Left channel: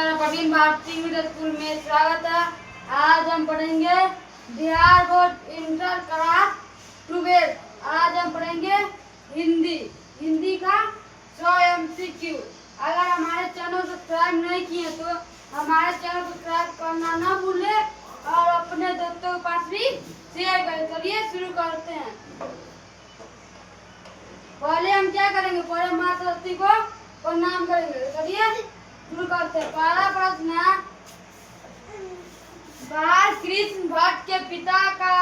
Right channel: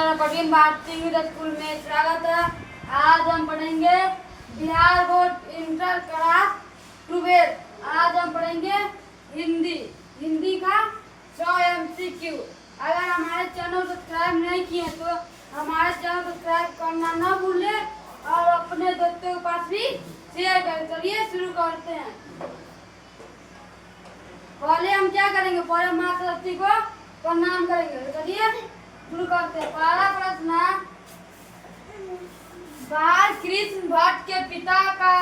नमस्कार, परवीन भारती स्कूल में स्वागत है। आज हम पढ़ेंगे बिहार बोर्ड इंटर क्लास 12। आज हम पढ़ेंगे हिंदी का 100 MCQ। अगर हमारे चैनल सब्सक्राइब नहीं किए तो हमारे चैनल सब्सक्राइब करना ना भूले और अपने दोस्तों के पास भी शेयर करें। चलिए शुरू करते हैं। पहले हम क्या करेंगे, पहले माँ सरस्वती को प्रणाम करेंगे। चलिए शुरू करते हैं। पहला प्रश्न, बाल कृष्ण भट्ट के पिता का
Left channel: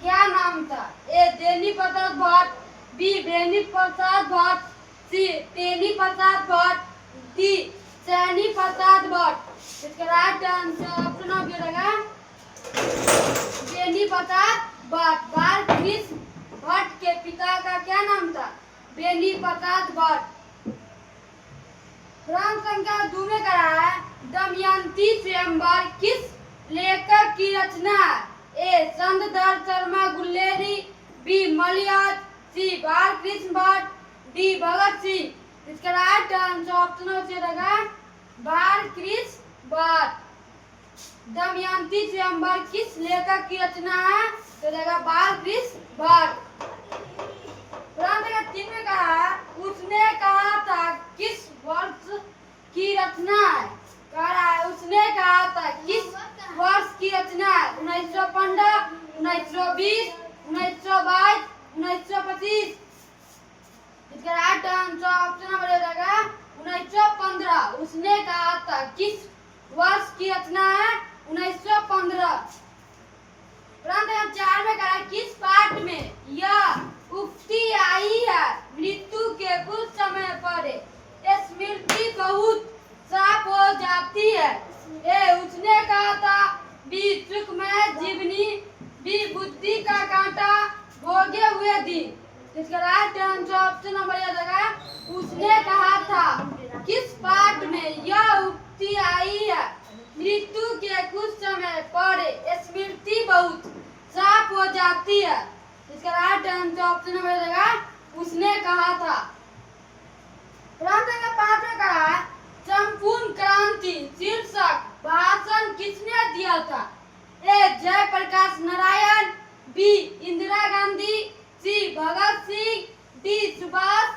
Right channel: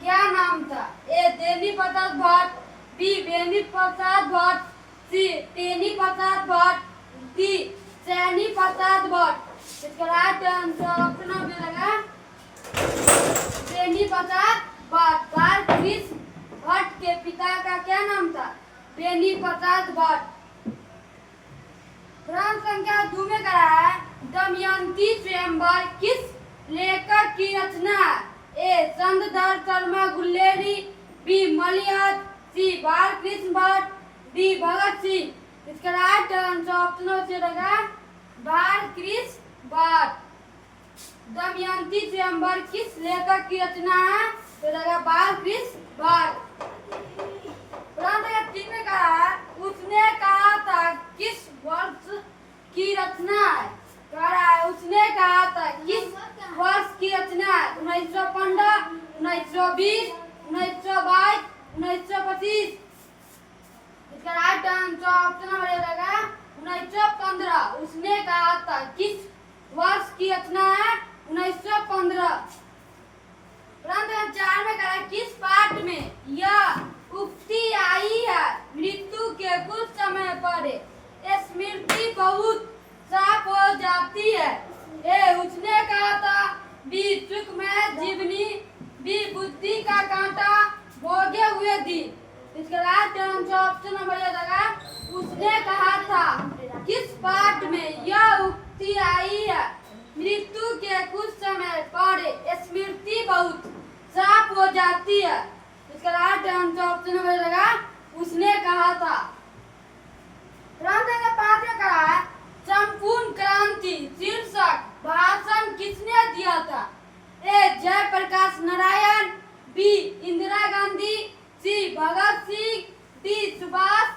क्या नाम था? ए देवी प्रसाद भट्ट, बी बेनी प्रसाद भट्ट, सी तेनी प्रसाद भट्ट, डी सैनी प्रसाद भट्ट। इसका राइट आंसर ऑप्शन ऑफ रहेगा बेनी प्रसाद भट्ट। बाल कृष्ण भट्ट के पिता का क्या नाम था? बेनी प्रसाद भट्ट। प्रश्न संख्या 2 में करा है, दमयंती स्वयंवर किस लेखक की रचना है? ए चंद्रधर शर्मा गुल्लेरी, बी मलियाज, सी बालकृष्ण भट्ट, डी भगत सिंह। इसका राइट आंसर ऑप्शन से रहेगा बालकृष्ण भट्ट। दमयंती स्वयंवर किस लेखक की रचना है? तो रहेगा बालकृष्ण भट्ट। प्रश्न 3 में कहा है, उसने कहा था किस वर्ष की रचना है? कह रहा है उसने कहा था किस वर्ष की रचना है? 1915, 1920, 1922, 1925। इसका राइट आंसर ऑप्शन नंबर रहेगा 1915। उसने कहा था किस वर्ष की रचना है? 1915। प्रश्न 4 में कहा है, किस पाठ में यह उक्ति आई है? मृत्यु के कुछ समय पर स्मृति बहुत साफ हो जाती है। ए उसने कहा था, बी सुख में जीवनी, बी बुद्धि का कांटा भोगे हुए दिन। इसका राइट आंसर ऑप्शन नंबर रहेगा उसने कहा था। किस पाठ में यह उक्ति आई है? मृत्यु के कुछ समय पर स्मृति बहुत साफ हो जाती है। इसका राइट आंसर ऑप्शन नंबर रहेगा उसने कहा था। प्रश्न 5 में कहा है, संपूर्ण क्रांति शीर्षक भाषण किसने दिया था? ए जयप्रकाश नारायण, बी इंदिरा गांधी, सी भगत सिंह, डी सुभाष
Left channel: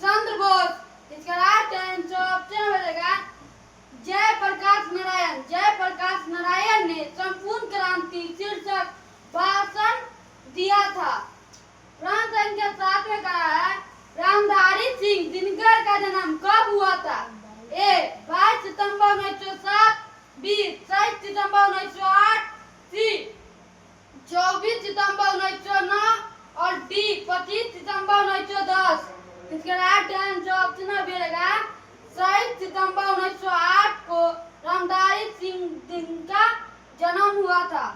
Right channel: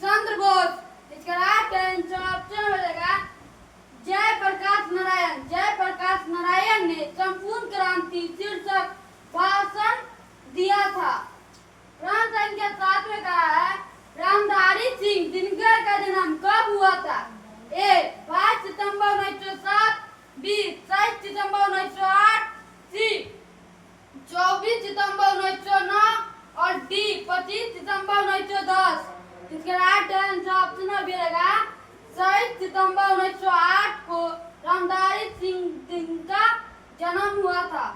चंद्र बोस। इसका राइट आंसर ऑप्शन रहेगा जयप्रकाश नारायण। जयप्रकाश नारायण ने संपूर्ण क्रांति शीर्षक भाषण दिया था। प्रश्न संख्या 7 में कहा है, रामधारी सिंह दिनकर का जन्म कब हुआ था? ए 22 सितंबर 1907, बी 23 सितंबर 1908, सी 24 सितंबर 1909 और डी 25 सितंबर 1910। इसका राइट आंसर ऑप्शन रहेगा 23 सितंबर 1908 को रामधारी सिंह दिनकर जन्म हुआ था।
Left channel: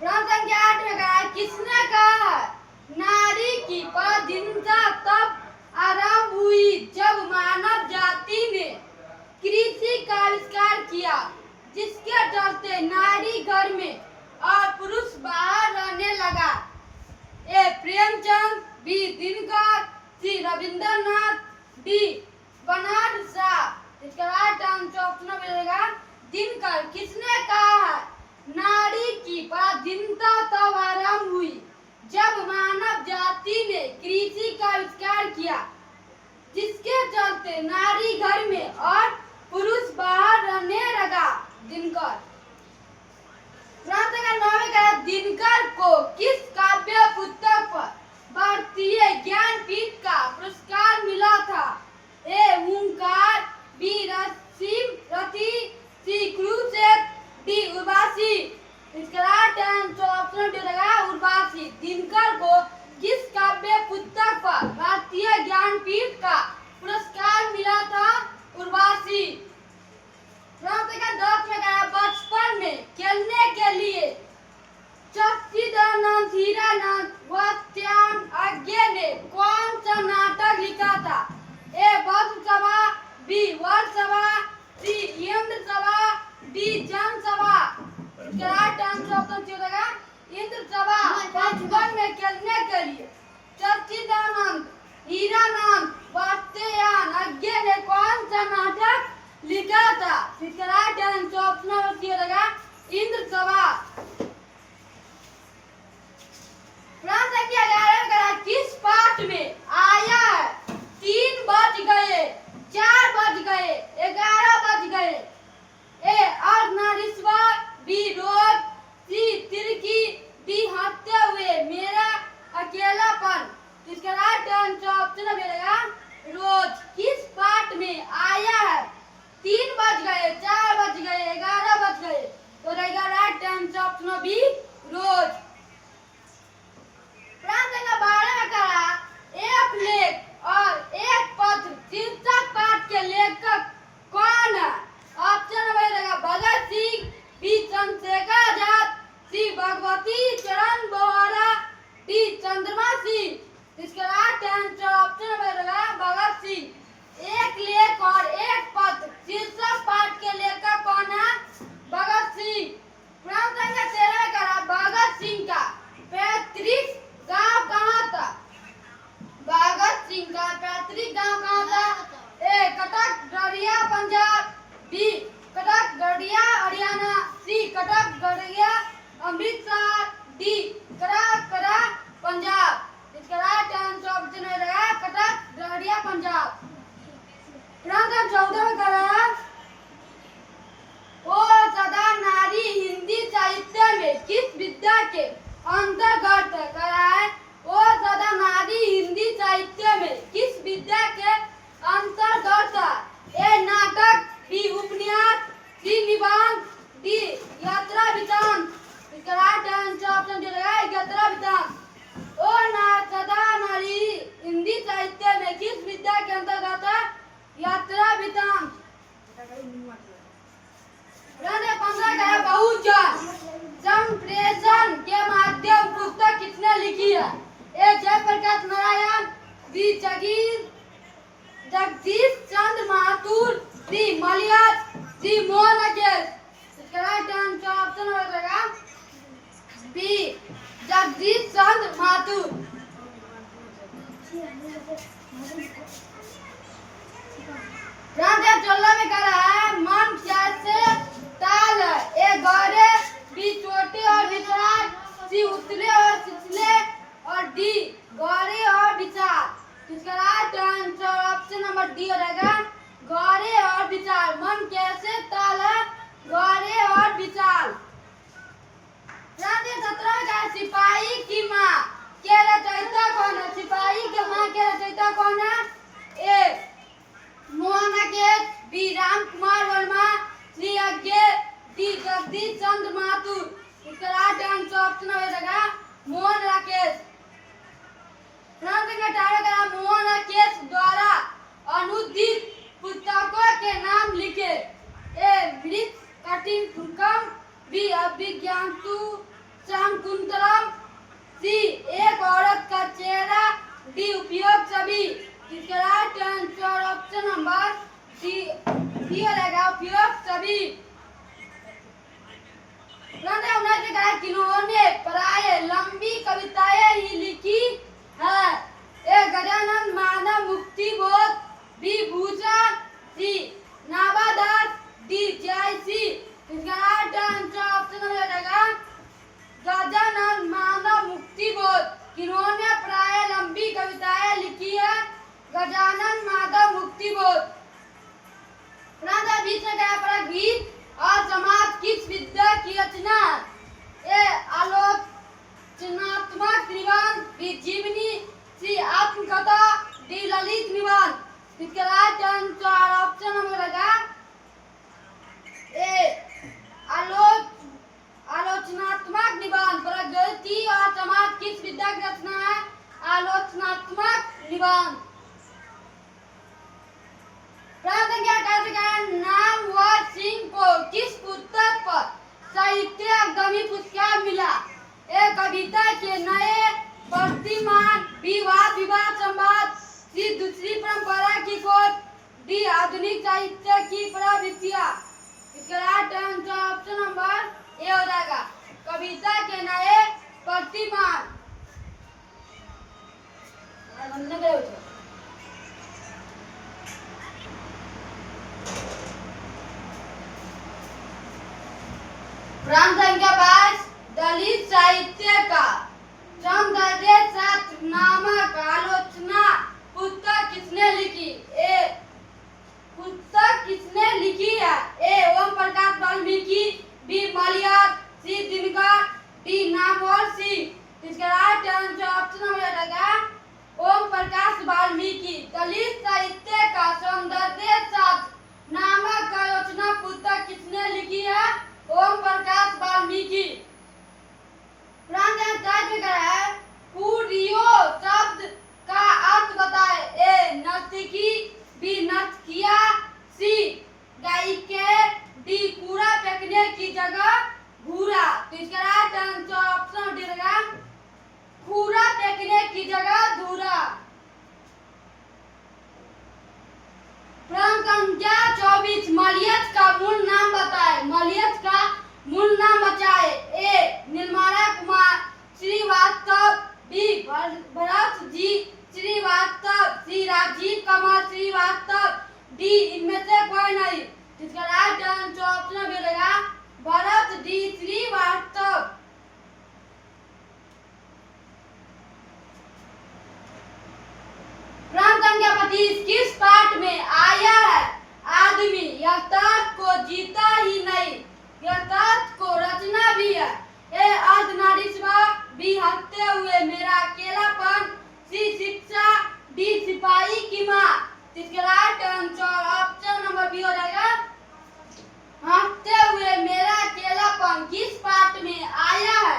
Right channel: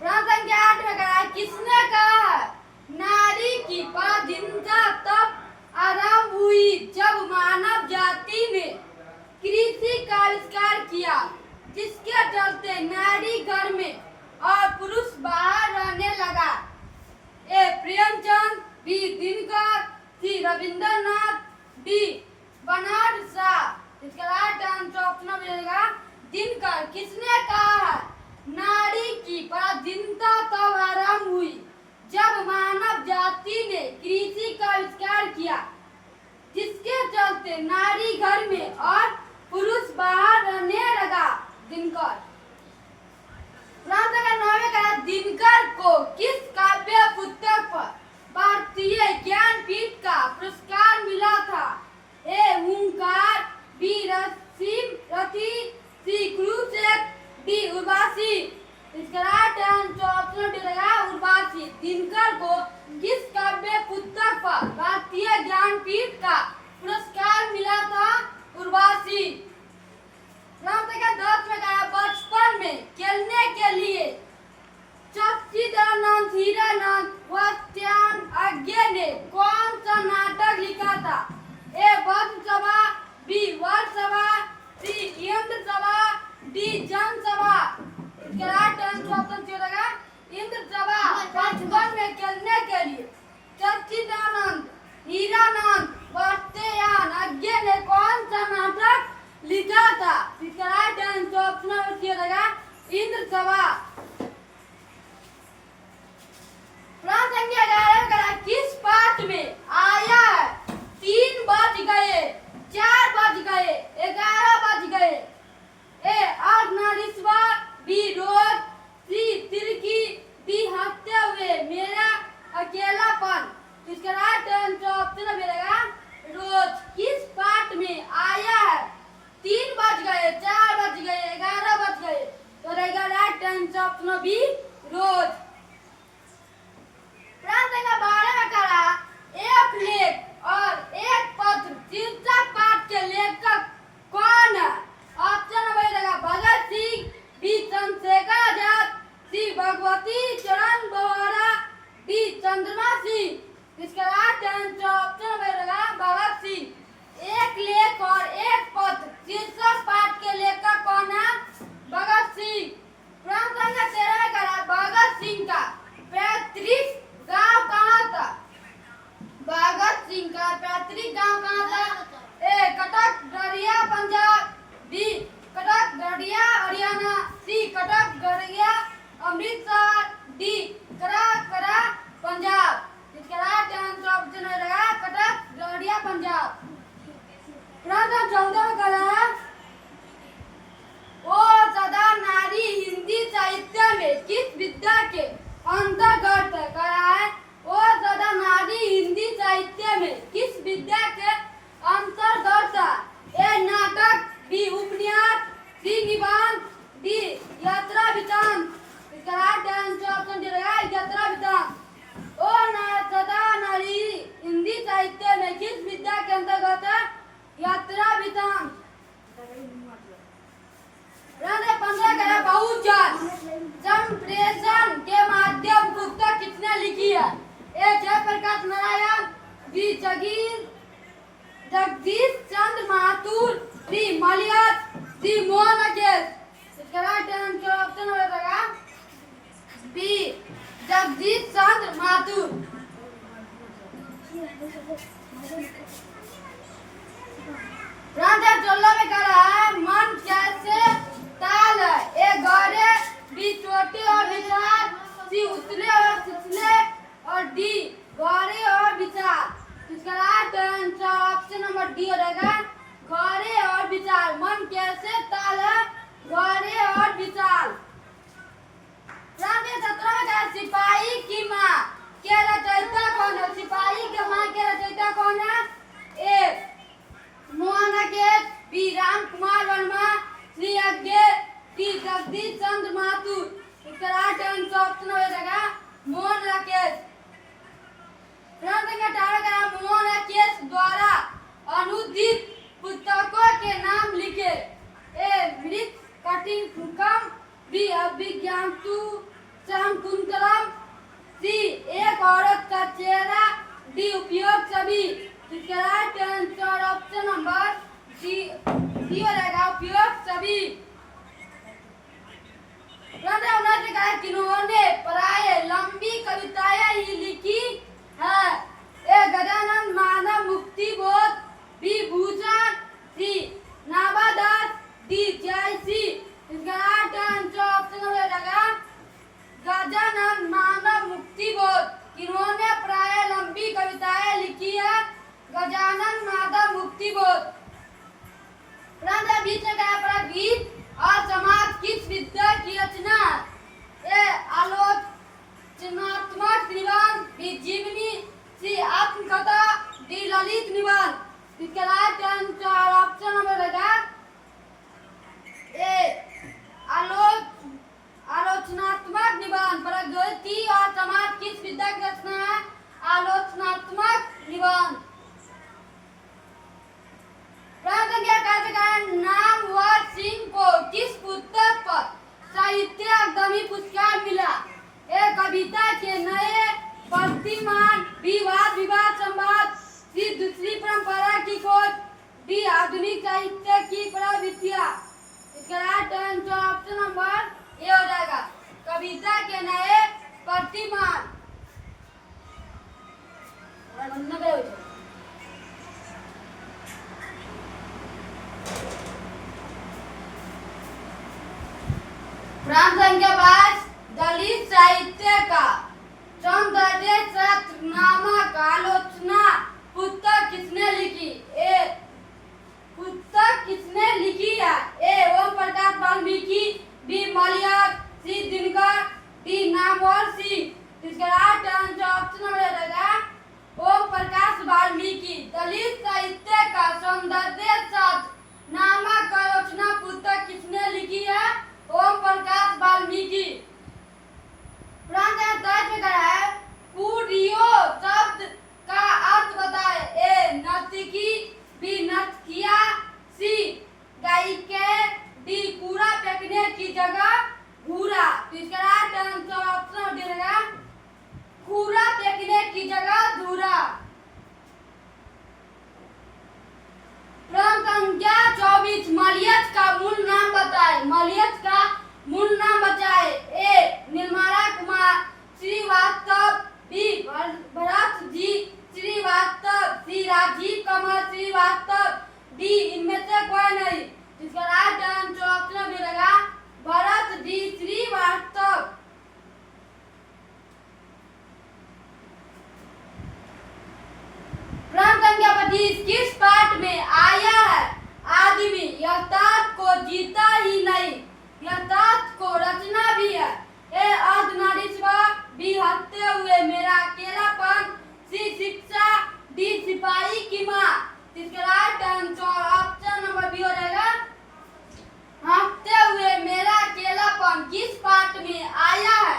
प्रश्न संख्या 8 में कहा है, किसने कहा है नारी की पराधीनता तब आरंभ हुई जब मानव जाति ने कृषि का आविष्कार किया, जिसके चलते नारी घर में और पुरुष बाहर रहने लगा? ए प्रेमचंद, बी दिनकर, सी रविंद्रनाथ, डी बर्नार्ड शॉ। इसका राइट आंसर ऑप्शन रहेगा दिनकर। किसने कहा है नारी की पराधीनता तब आरंभ हुई जब मानव जाति ने कृषि का आविष्कार किया, जिसके चलते नारी घर में और पुरुष बाहर रहने लगा? दिनकर। प्रश्न 9 में कहा, दिनकर को किस काव्य पुस्तक पर भारतीय ज्ञानपीठ का पुरस्कार मिला था? ए हुंकार, बी रति, सी क्रूसेट, डी उर्वशी। इसका राइट आंसर ऑप्शन रहेगा उर्वशी। दिनकर को किस काव्य पुस्तक पर भारतीय ज्ञानपीठ का पुरस्कार मिला था? उर्वशी। प्रश्न 10 में कहा, बचपन में खेलने के लिए सच्चिदानंद हीरानंद व श्याम अज्ञे ने कौन सा नाटक लिखा था? ए बधसभा, बी वरसभा, सी इंद्र सभा, डी जनसभा। इसका राइट आंसर ऑप्शन रहेगा इंद्र सभा। बचपन में खेलने के लिए सच्चिदानंद हीरानंद व श्याम अज्ञे ने कौन सा नाटक लिखा ऑप्शन बी रोज। प्रांत संख्या 12 में करा एक लेख और एक पत्र शीर्षक पाठ के लेखक कौन है? ऑप्शन नंबर रहेगा भगत सिंह, बी चंद्रशेखर आजाद, सी भगवती चरण बोहरा, डी चंद्रमा सिंह। इसका राइट आंसर ऑप्शन नंबर रहेगा भगत सिंह। एक लेख और एक पत्र शीर्षक पाठ के लेखक कौन है? भगत सिंह। प्रांत संख्या 13 में करा भगत सिंह का पैतृक गांव कहाँ था? भगत सिंह का पैतृक गांव कहाँ था? ए कटक गढ़िया पंजाब, बी कटक गढ़िया हरियाणा, सी कटक गढ़िया अमृतसर, डी करा पंजाब। इसका राइट आंसर ऑप्शन रहेगा कटक गढ़िया पंजाब। प्रांत 14 में करा ओ सदा नारी हिंदी साहित्य में किस विद्या के अंतर्गत करा है? ओ सदा नारी हिंदी साहित्य में किस विद्या के अंतर्गत? ए नाटक, बी उपन्यास, सी निबंध, डी यात्रा वृत्तांत। इसका राइट आंसर ऑप्शन रहेगा यात्रा वृत्तांत। ओ सदा नारी हिंदी साहित्य में किस विद्या के अंतर्गत है? यात्रा वृत्तांत। 15 का है बहुजन संप्रेषण के माध्यम पुस्तक किसने लिखी है? ए जयप्रकाश नारायण, बी जगदीश चंद्र माथुर, डी मलियास, डी मोहन अकेश। इसका राइट आंसर ऑप्शन रहेगा बी जगदीश चंद्र माथुर। प्रांत 16 में करा है मन कैसे ताल है? ए गहरे, बी छोटे और विशाल, सी उतले और छिछले, और डी गहरे और विशाल। इसका right answer option number D रहेगा गहरे और विशाल। मन कैसे ताल है? गहरे और विशाल। प्रांत 17 में कहा सिपाही की माँ के रचयिता कौन है? सिपाही की माँ के रचयिता कौन है? ए मोहन अकेश, बी राम कुमार वर्मा, सी अज्ञे, डी जगदीश चंद्र माथुर। इसका राइट आंसर ऑप्शन रहेगा मोहन अकेश। प्रांत संख्या 18 का मोहन अकेश द्वारा अनुदित पुस्तकों के नाम लिखे। ए मृत कटिंकम, बी अभिज्ञानतु शाकुंतलम, सी एक औरत का चेहरा, डी उपयोग सभी। इसका right answer option number D रहेगा उपयोग सभी। किन्होंने प्राय लंबी कविताएं ही लिखी है? ए गजानन मानव मुक्ति बोध, बी भूषण, सी नाबादास, डी जयसी। इसका राइट आंसर ऑप्शन रहेगा गजानन मानव मुक्ति बोध। किन्होंने प्राय लंबी कविताएं लिखी है? गजानन माधव मुक्ति बोध। प्रांत 20 में कहा पड़ा गीत और समाज किस विद्या की रचना है? ए आलोचनात्मक निबंध, बी जीवनी, सी आत्मकथा, डी ललित निबंध। इसका राइट आंसर ऑप्शन नंबर रहेगा ए आलोचनात्मक निबंध। प्रगति और समाज किस विद्या की रचना है? आलोचनात्मक निबंध। नामवर सिंह को किस पुस्तक पर साहित्य अकादमी पुरस्कार मिला? ए कविता के नए प्रतिमान, बी वाद विवाद संवाद, सी दूसरी परंपरा की खोज, डी आधुनिक साहित्य की प्रवृत्तियां। इसका राइट आंसर ऑप्शन नंबर ए हो जाएगा कविता के नए प्रतिमान। प्रांत संख्या 22 दलित साहित्य का सौंदर्य शास्त्र नामक आलोचना पुस्तक किसने लिखी? ए पुस्तक किसने लिखी है? ए ओम प्रकाश वाल्मीकि, बी मलियास, सी दिनकर, डी नामवर सिंह। इसका राइट आंसर ऑप्शन नंबर रहेगा ओम प्रकाश वाल्मीकि। दलित साहित्य का सौंदर्य शास्त्र नामक आलोचना पुस्तक किसने लिखी है? ओम प्रकाश वाल्मीकि। की जगह घूरा। तो इसका राइट आंसर ऑप्शन डी रहेगा घूरा फेंकने की जगह धूरा। प्रश्न संख्या 24 मलयज का मूल नाम बताएं। मलयज का मूल नाम बताएं। ए निर्मला कुमार श्रीवास्तव, बी भरत जी श्रीवास्तव, सी राजीव कुमार श्रीवास्तव, डी इनमें से कोई नहीं। इसका राइट आंसर ऑप्शन बी रहेगा भरत जी श्रीवास्तव। प्रश्न संख्या 25 किस पाठ में आया है आदमी यथार्थ को जीता ही नहीं, यथार्थ को रचना भी है। ए अर्धनारीश्व, बी हंसते हुए मेरा अकेलापन, सी शिक्षा, डी सिपाही की माँ। इसका right answer option number B हो जाएगा हंसते हुए मेरा अकेलापन। किस पाठ में आया है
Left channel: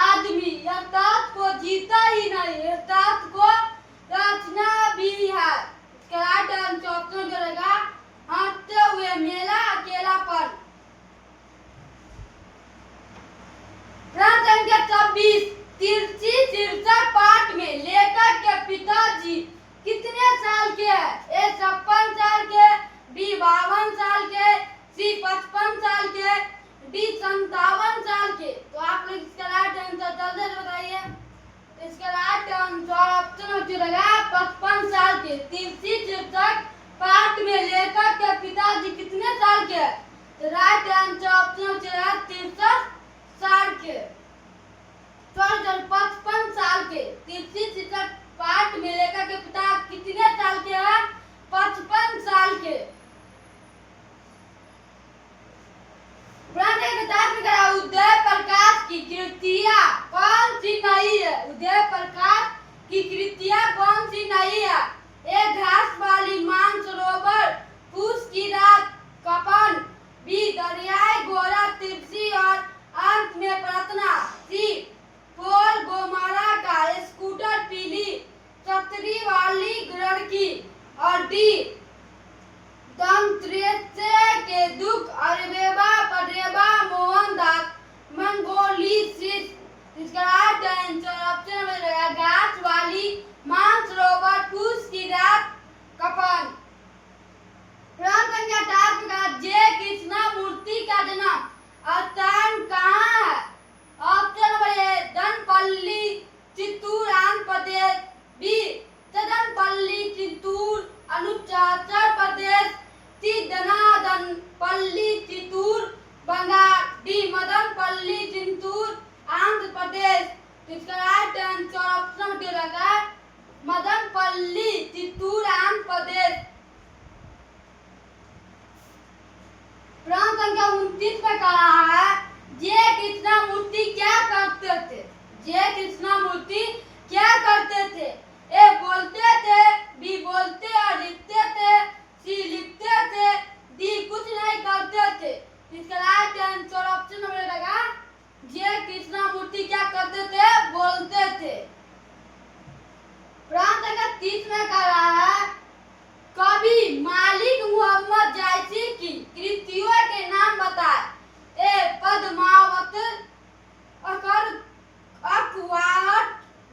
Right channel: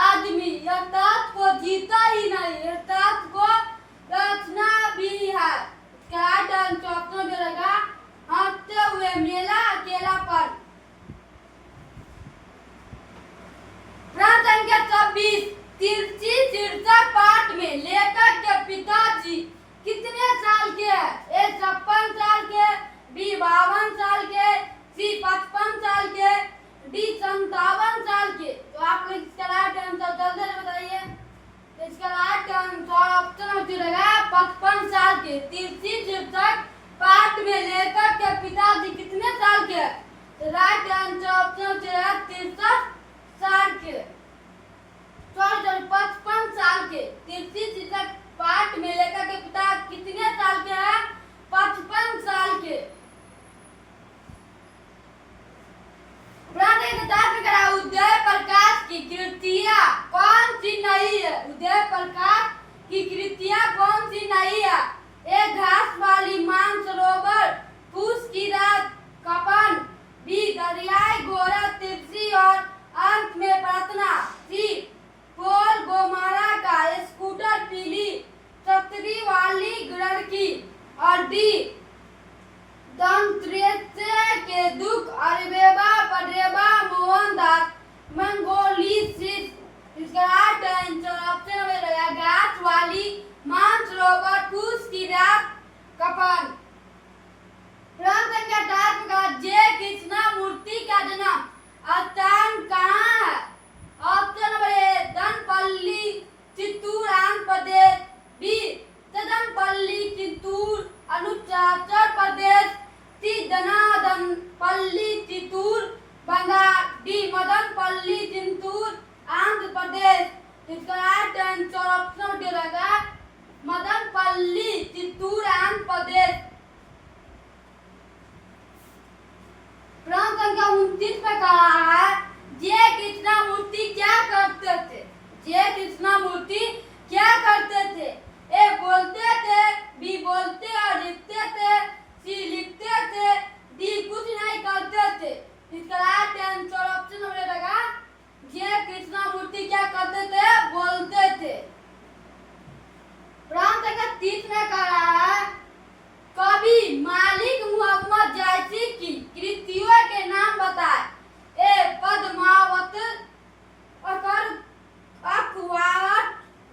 आदमी यथार्थ को जीता ही नहीं, यथार्थ को रचना भी है। इसका राइट आंसर ऑप्शन बी रहेगा हंसते हुए मेरा अकेलापन। प्रश्न संख्या 26 तिरछी शीर्षक पाठ में लेखक के पिताजी कितने साल के हैं। ए 56 साल के, बी 52 साल के, सी 55 साल के, डी 57 साल के। तो आप लोग इसका राइट आंसर जल्दी से बताइए। तो इसका राइट आंसर ऑप्शन रहेगा 55 साल के। तिरछी शीर्षक पाठ में लेखक के पिताजी कितने साल के हैं। तो राइट आंसर ऑप्शन रहेगा 63 साल के। 55 साल के। तिरछी शीर्षक पाठ में लेखक के पिता कितने साल के हैं 55 साल के। उदय प्रकाश की कृतियां कौन सी नहीं है। उदय प्रकाश की कृतियां कौन सी नहीं है। ए घास वाली मानसरोवर, फूस की रात, कपन, बी दरियाई घोड़ा तिरछी और अंत में प्रार्थना, सी पोल गोमारा का स्कूटर पीली छतरी वाली लड़की, और डी दंत्रेसे के दुख अरेबा परेबा मोहनदास मंगोलिसिस। इसका राइट आंसर ऑप्शन में रहेगा घास वाली मानसरोवर, फूस की रात, कपन। प्रश्न संख्या 18 का जय कृष्णमूर्ति का जन्म स्थान कहाँ है। Option number A Danpalli Chittoor Andhra Pradesh, B Tadanpalli Chittoor Arunachal Pradesh, C Danadanpalli Chittoor Bengal, D Madanapalle Chittoor Andhra Pradesh. इसका राइट आंसर ऑप्शन डी रहेगा मदनपल्ली चित्तूर आंध्र प्रदेश। प्रश्न संख्या 29 पर कहा है जय कृष्णमूर्ति क्या करते थे। जय कृष्णमूर्ति क्या करते थे। ए बोलते थे, बी बोलते और लिखते थे, सी लिखते थे, डी कुछ नहीं करते थे। इसका राइट आंसर ऑप्शन नंबर रहेगा जय कृष्णमूर्ति क्या करते थे बोलते थे। प्रश्न संख्या 30 में कह रहा है कवि मालिक मोहम्मद जैसी की कृतियों के नाम बताए। ए पद्मावत, अखबार,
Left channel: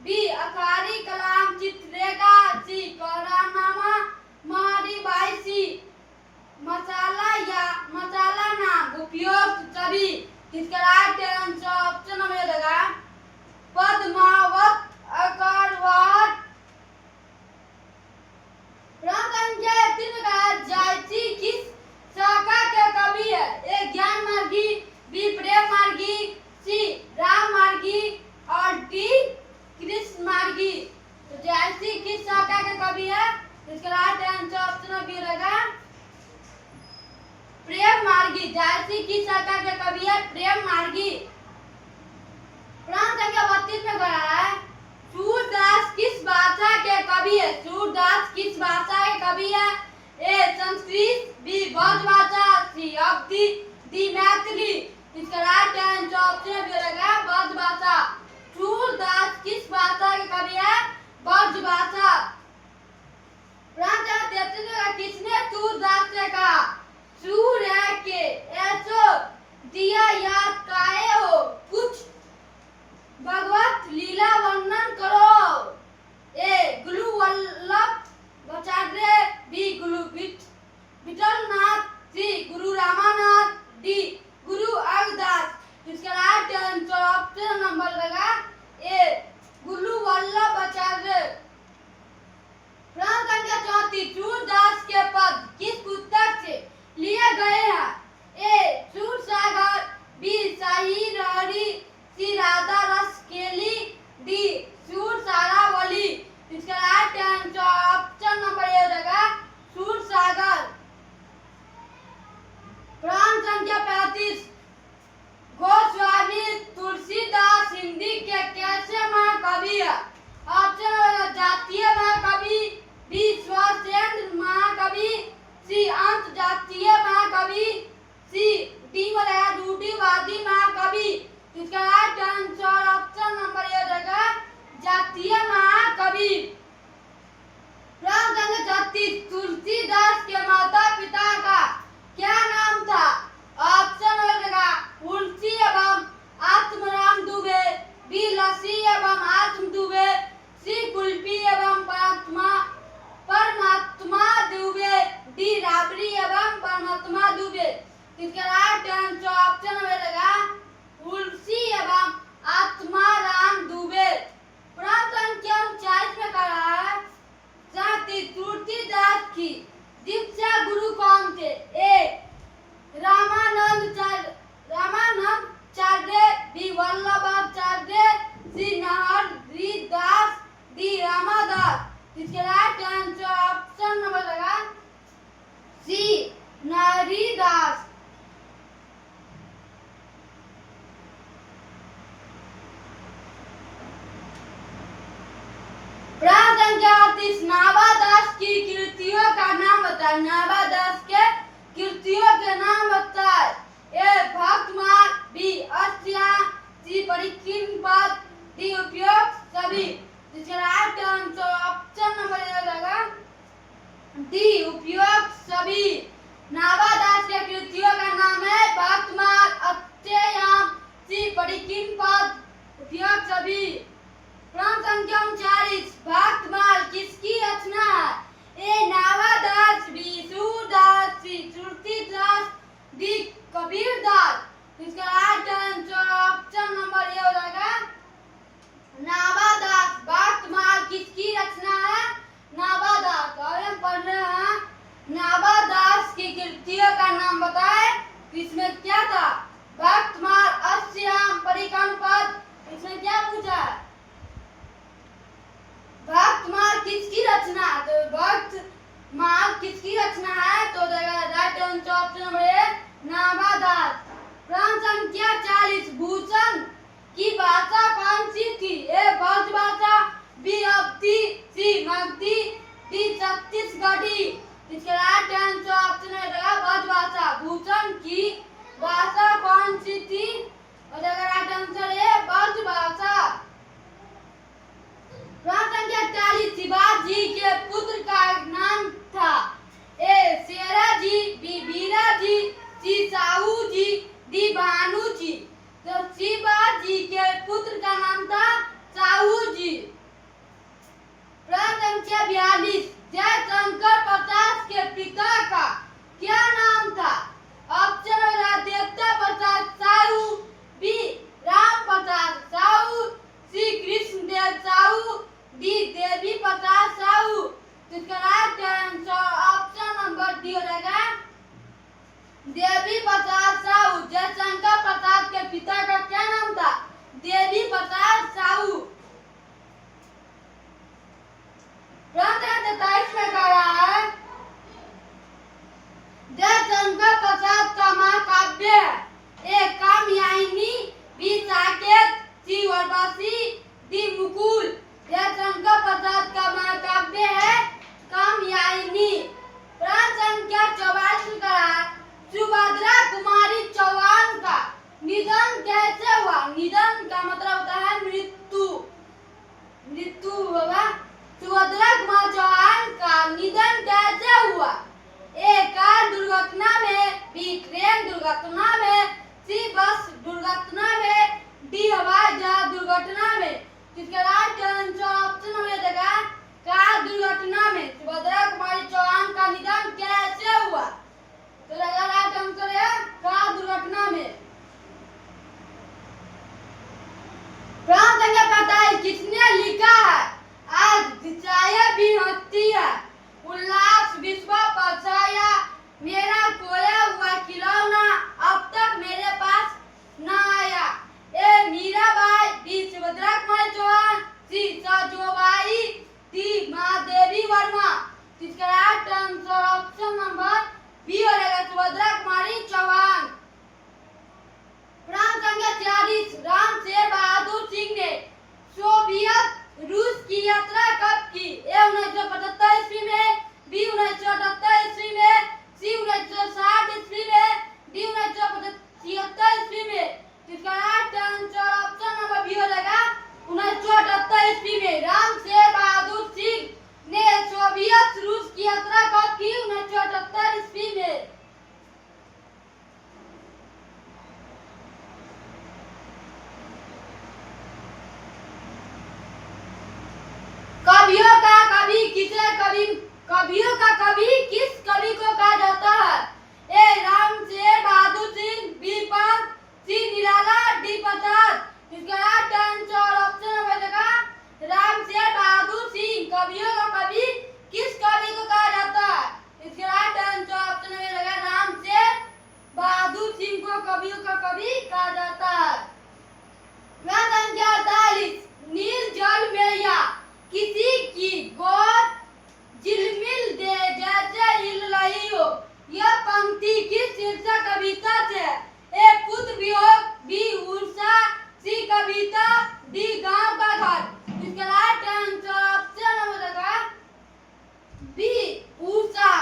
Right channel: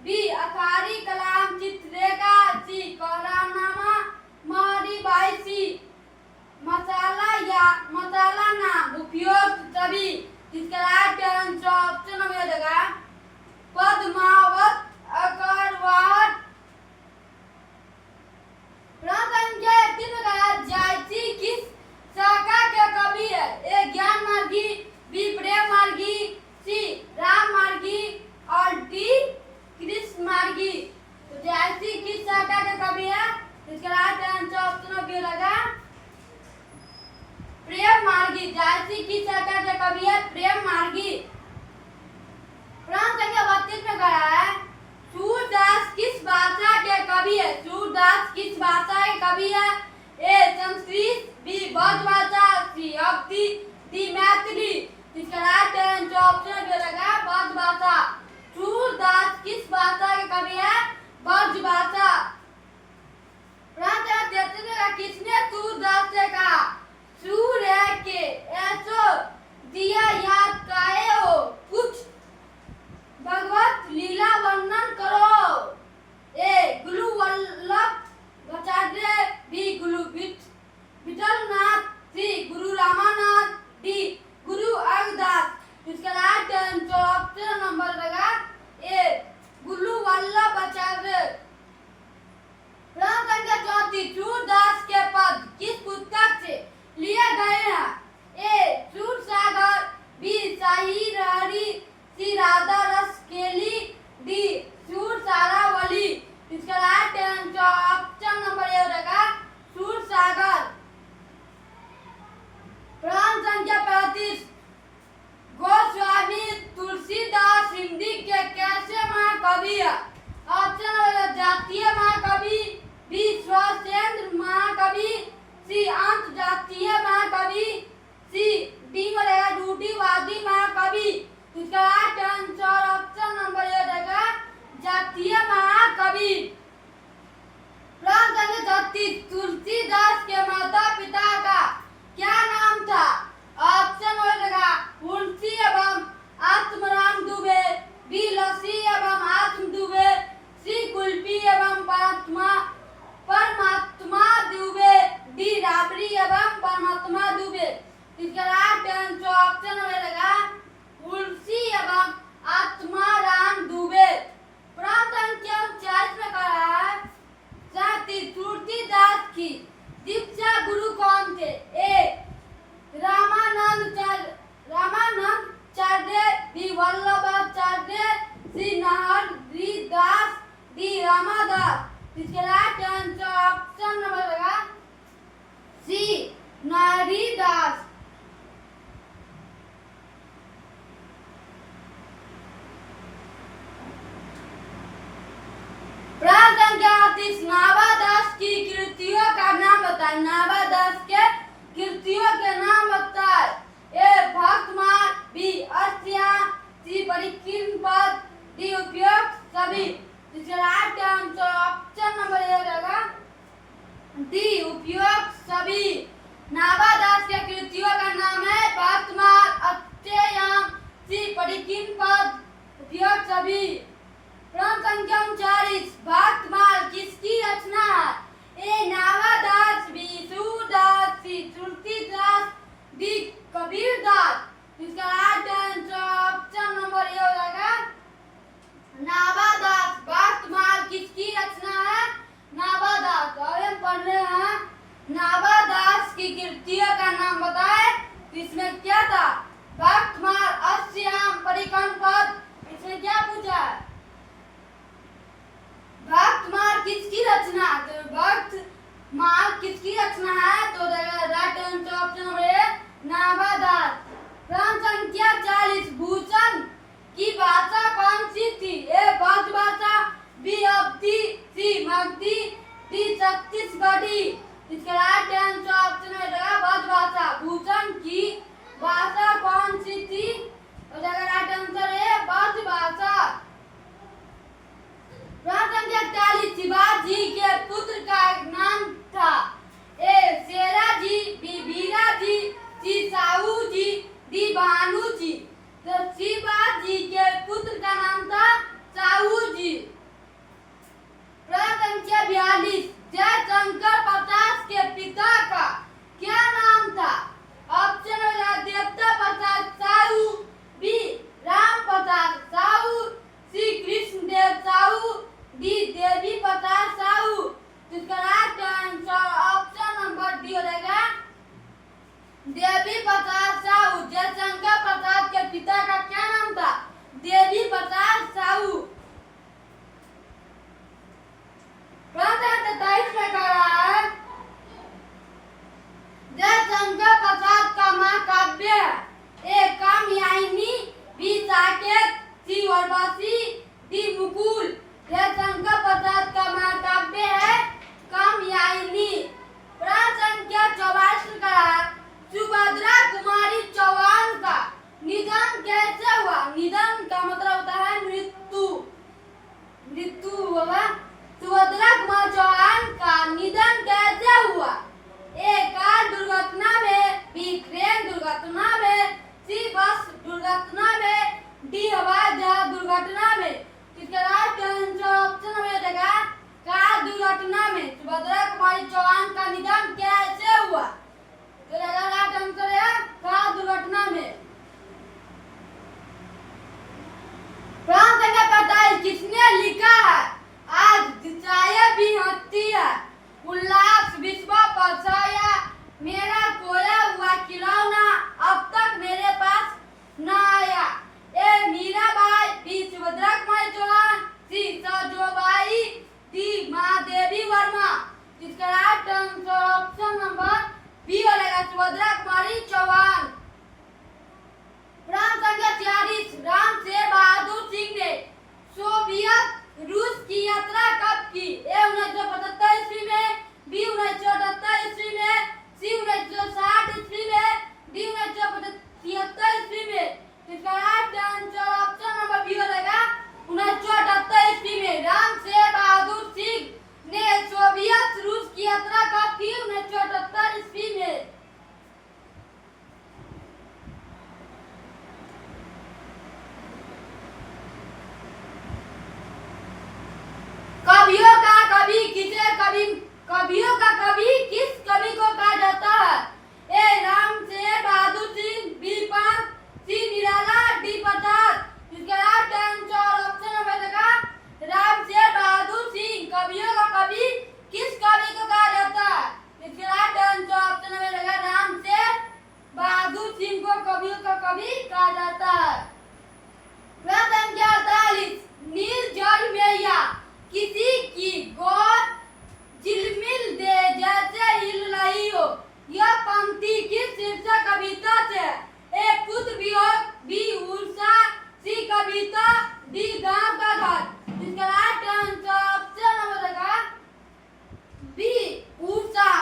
बी अखारी कलाम चित्ररेखा, सी करारनामा, मारी बाईसी, मसाला या मसाला नाम उपयोग सभी। इसका राइट आंसर ऑप्शन में रहेगा पद्मावत, अखबार। प्रश्न संख्या 3 का जायसी किस शाखा के कवि है। ए ज्ञान मार्गी, बी प्रेम मार्गी, सी राम मार्गी, और डी कृष्ण मार्गी। तो जायसी किस शाखा के कवि है। इसका राइट आंसर ऑप्शन बी रहेगा प्रेम मार्गी। जायसी किस शाखा के कवि है प्रेम मार्गी। प्रश्न संख्या 32 में कहा है सूरदास किस भाषा के कवि है। सूरदास किस भाषा के कवि है। ए संस्कृत, बी ब्रजभाषा, सी अवधी, डी मैथिली। इसका राइट आंसर ऑप्शन बी रहेगा ब्रजभाषा। सूरदास किस भाषा के कवि है ब्रजभाषा। किसने सूरदास से कहा सूर्य के ऐसो दिया याद काहे हो, कुछ भगवत लीला वर्णन करो। ए गुरु वल्लभ आचार्य, बी गुरु विठलनाथ, सी गुरु रामानाथ, डी गुरु अरदास। इसका राइट आंसर ऑप्शन नंबर लगा ए गुरु वल्लभ आचार्य। प्रश्न संख्या 34, सूरदास के पद किस पुस्तक से लिए गए हैं? ए सूरसागर, बी शाही लहरी, सी राधा रस केली, डी सूरसारावली। इसका राइट आंसर ऑप्शन नंबर ए हो जाएगा सूरसागर। प्रश्न संख्या 35, गोस्वामी तुलसीदास हिंदी के कैसे महाकवि है? ऑप्शन जातीय महाकवि, बी स्वसेंद्र महाकवि, सी अंत जातीय महाकवि, सी डी वाला रूढ़िवादी महाकवि। इसका राइट आंसर ऑप्शन नंबर ए रहेगा जातीय महाकवि। प्रश्न संख्या 36, तुलसीदास के माता पिता का क्या नाम था? ऑप्शन हो जाएगा तुलसी एवं आत्मराम दुबे, बी लसी एवं आत्म दुबे, सी कुल्फी एवं परमात्मा दुबे, डी राबड़ी एवं परमात्मा दुबे। इसका राइट आंसर ऑप्शन रहेगा तुलसी एवं आत्माराम दुबे। प्रश्न संख्या 39 में कह रहा है तुलसीदास की दीक्षा गुरु कौन थे? ए रामानंदाचार्य, बी वल्लभाचार्य, सी नाहरीदास, डी रामदास। इसके राइट आंसर ऑप्शन नंबर लगा सी नाहरीदास। प्रश्न संख्या 38, नाभादास की कृतियों का नाम बताए। नाभादास के कृतियों के नाम बताए। ए भक्तमाल, बी अष्टयाम, सी परिकीर्तन पद, डी उपयुक्त सभी। इसका राइट आंसर ऑप्शन नंबर ए हो जाएगा डी उपयुक्त सभी। नाभादास के कृतियों का नाम है भक्तमाल, अष्टयाम, सी परिकीर्तन पद, उपयुक्त सभी। प्रश्न संख्या 39, भक्तमाल किसकी रचना है? ए नाभादास, बी सूरदास, सी तुलसीदास, डी कबीरदास। इसका राइट आंसर ऑप्शन नंबर ए हो जाएगा नाभादास। भक्तमाल किसकी रचना है? नाभादास। और हम पढ़ रहे हैं नाभादास की कृतियों का नाम बताए। इसमें क्या था? भक्तमाल, अष्टयाम, परिकीर्तन पद। इसमें क्या पूछा है? भक्तमाल किसकी रचना? तो भक्तमाल किसकी रचना है? तो राइट आंसर ऑप्शन नंबर ए नाभादास। प्रश्न संख्या 40, भूषण की भाषा कौन सी थी? ए ब्रज भाषा, बी अवधी, सी मगधी, डी छत्तीसगढ़ी। इसका राइट आंसर ऑप्शन रहेगा ब्रज भाषा। भूषण की भाषा कौन सी थी? और राइट आंसर है ब्रज भाषा। प्रश्न संख्या 41, शिवाजी के पुत्र का नाम था। ए शेराजी, बी बीराजी, सी साहू जी, डी भानु जी। तो शिवाजी के पुत्र का नाम था साहू जी। प्रश्न संख्या 42, जयशंकर प्रसाद के पिता का क्या नाम था? ऑप्शन है देवता प्रसाद साहू, बी राम प्रसाद साहू, सी कृष्णदेव साहू, डी देवी प्रसाद साहू। इसका right answer option number D हो जाएगा देवी प्रसाद साहू। जयशंकर प्रसाद के पिता का क्या नाम था? देवी प्रसाद साहू। प्रश्न 23 में कह रहा है जयशंकर प्रसाद का महाकाव्य है। ए कामयानी, बी साकेत, सी वनवासी, डी मुकुल। जयशंकर प्रसाद का महाकाव्य है कामयानी। प्रश्न संख्या 44 में कह रहा है सुभद्रा कुमारी चौहान का निधन कैसे हुआ? निधन का मतलब होता है मृत्यु। मृत्यु होगा। सुभद्रा कुमार चौहान का निधन कैसे हुआ? ए कार दुर्घटना में, बी ट्रेन दुर्घटना में, सी कभी कहा जाता है। प्रश्न संख्या 48, नील जल में या किसी की गोद झिलमिल दे जैसे हिल रही हो, यह पंक्ति किस शीर्षक कविता से? ए पुत्र वियोग, बी उषा, सी कविता, डी गांव का घर। इसका राइट आंसर ऑप्शन नंबर होगा बी उषा।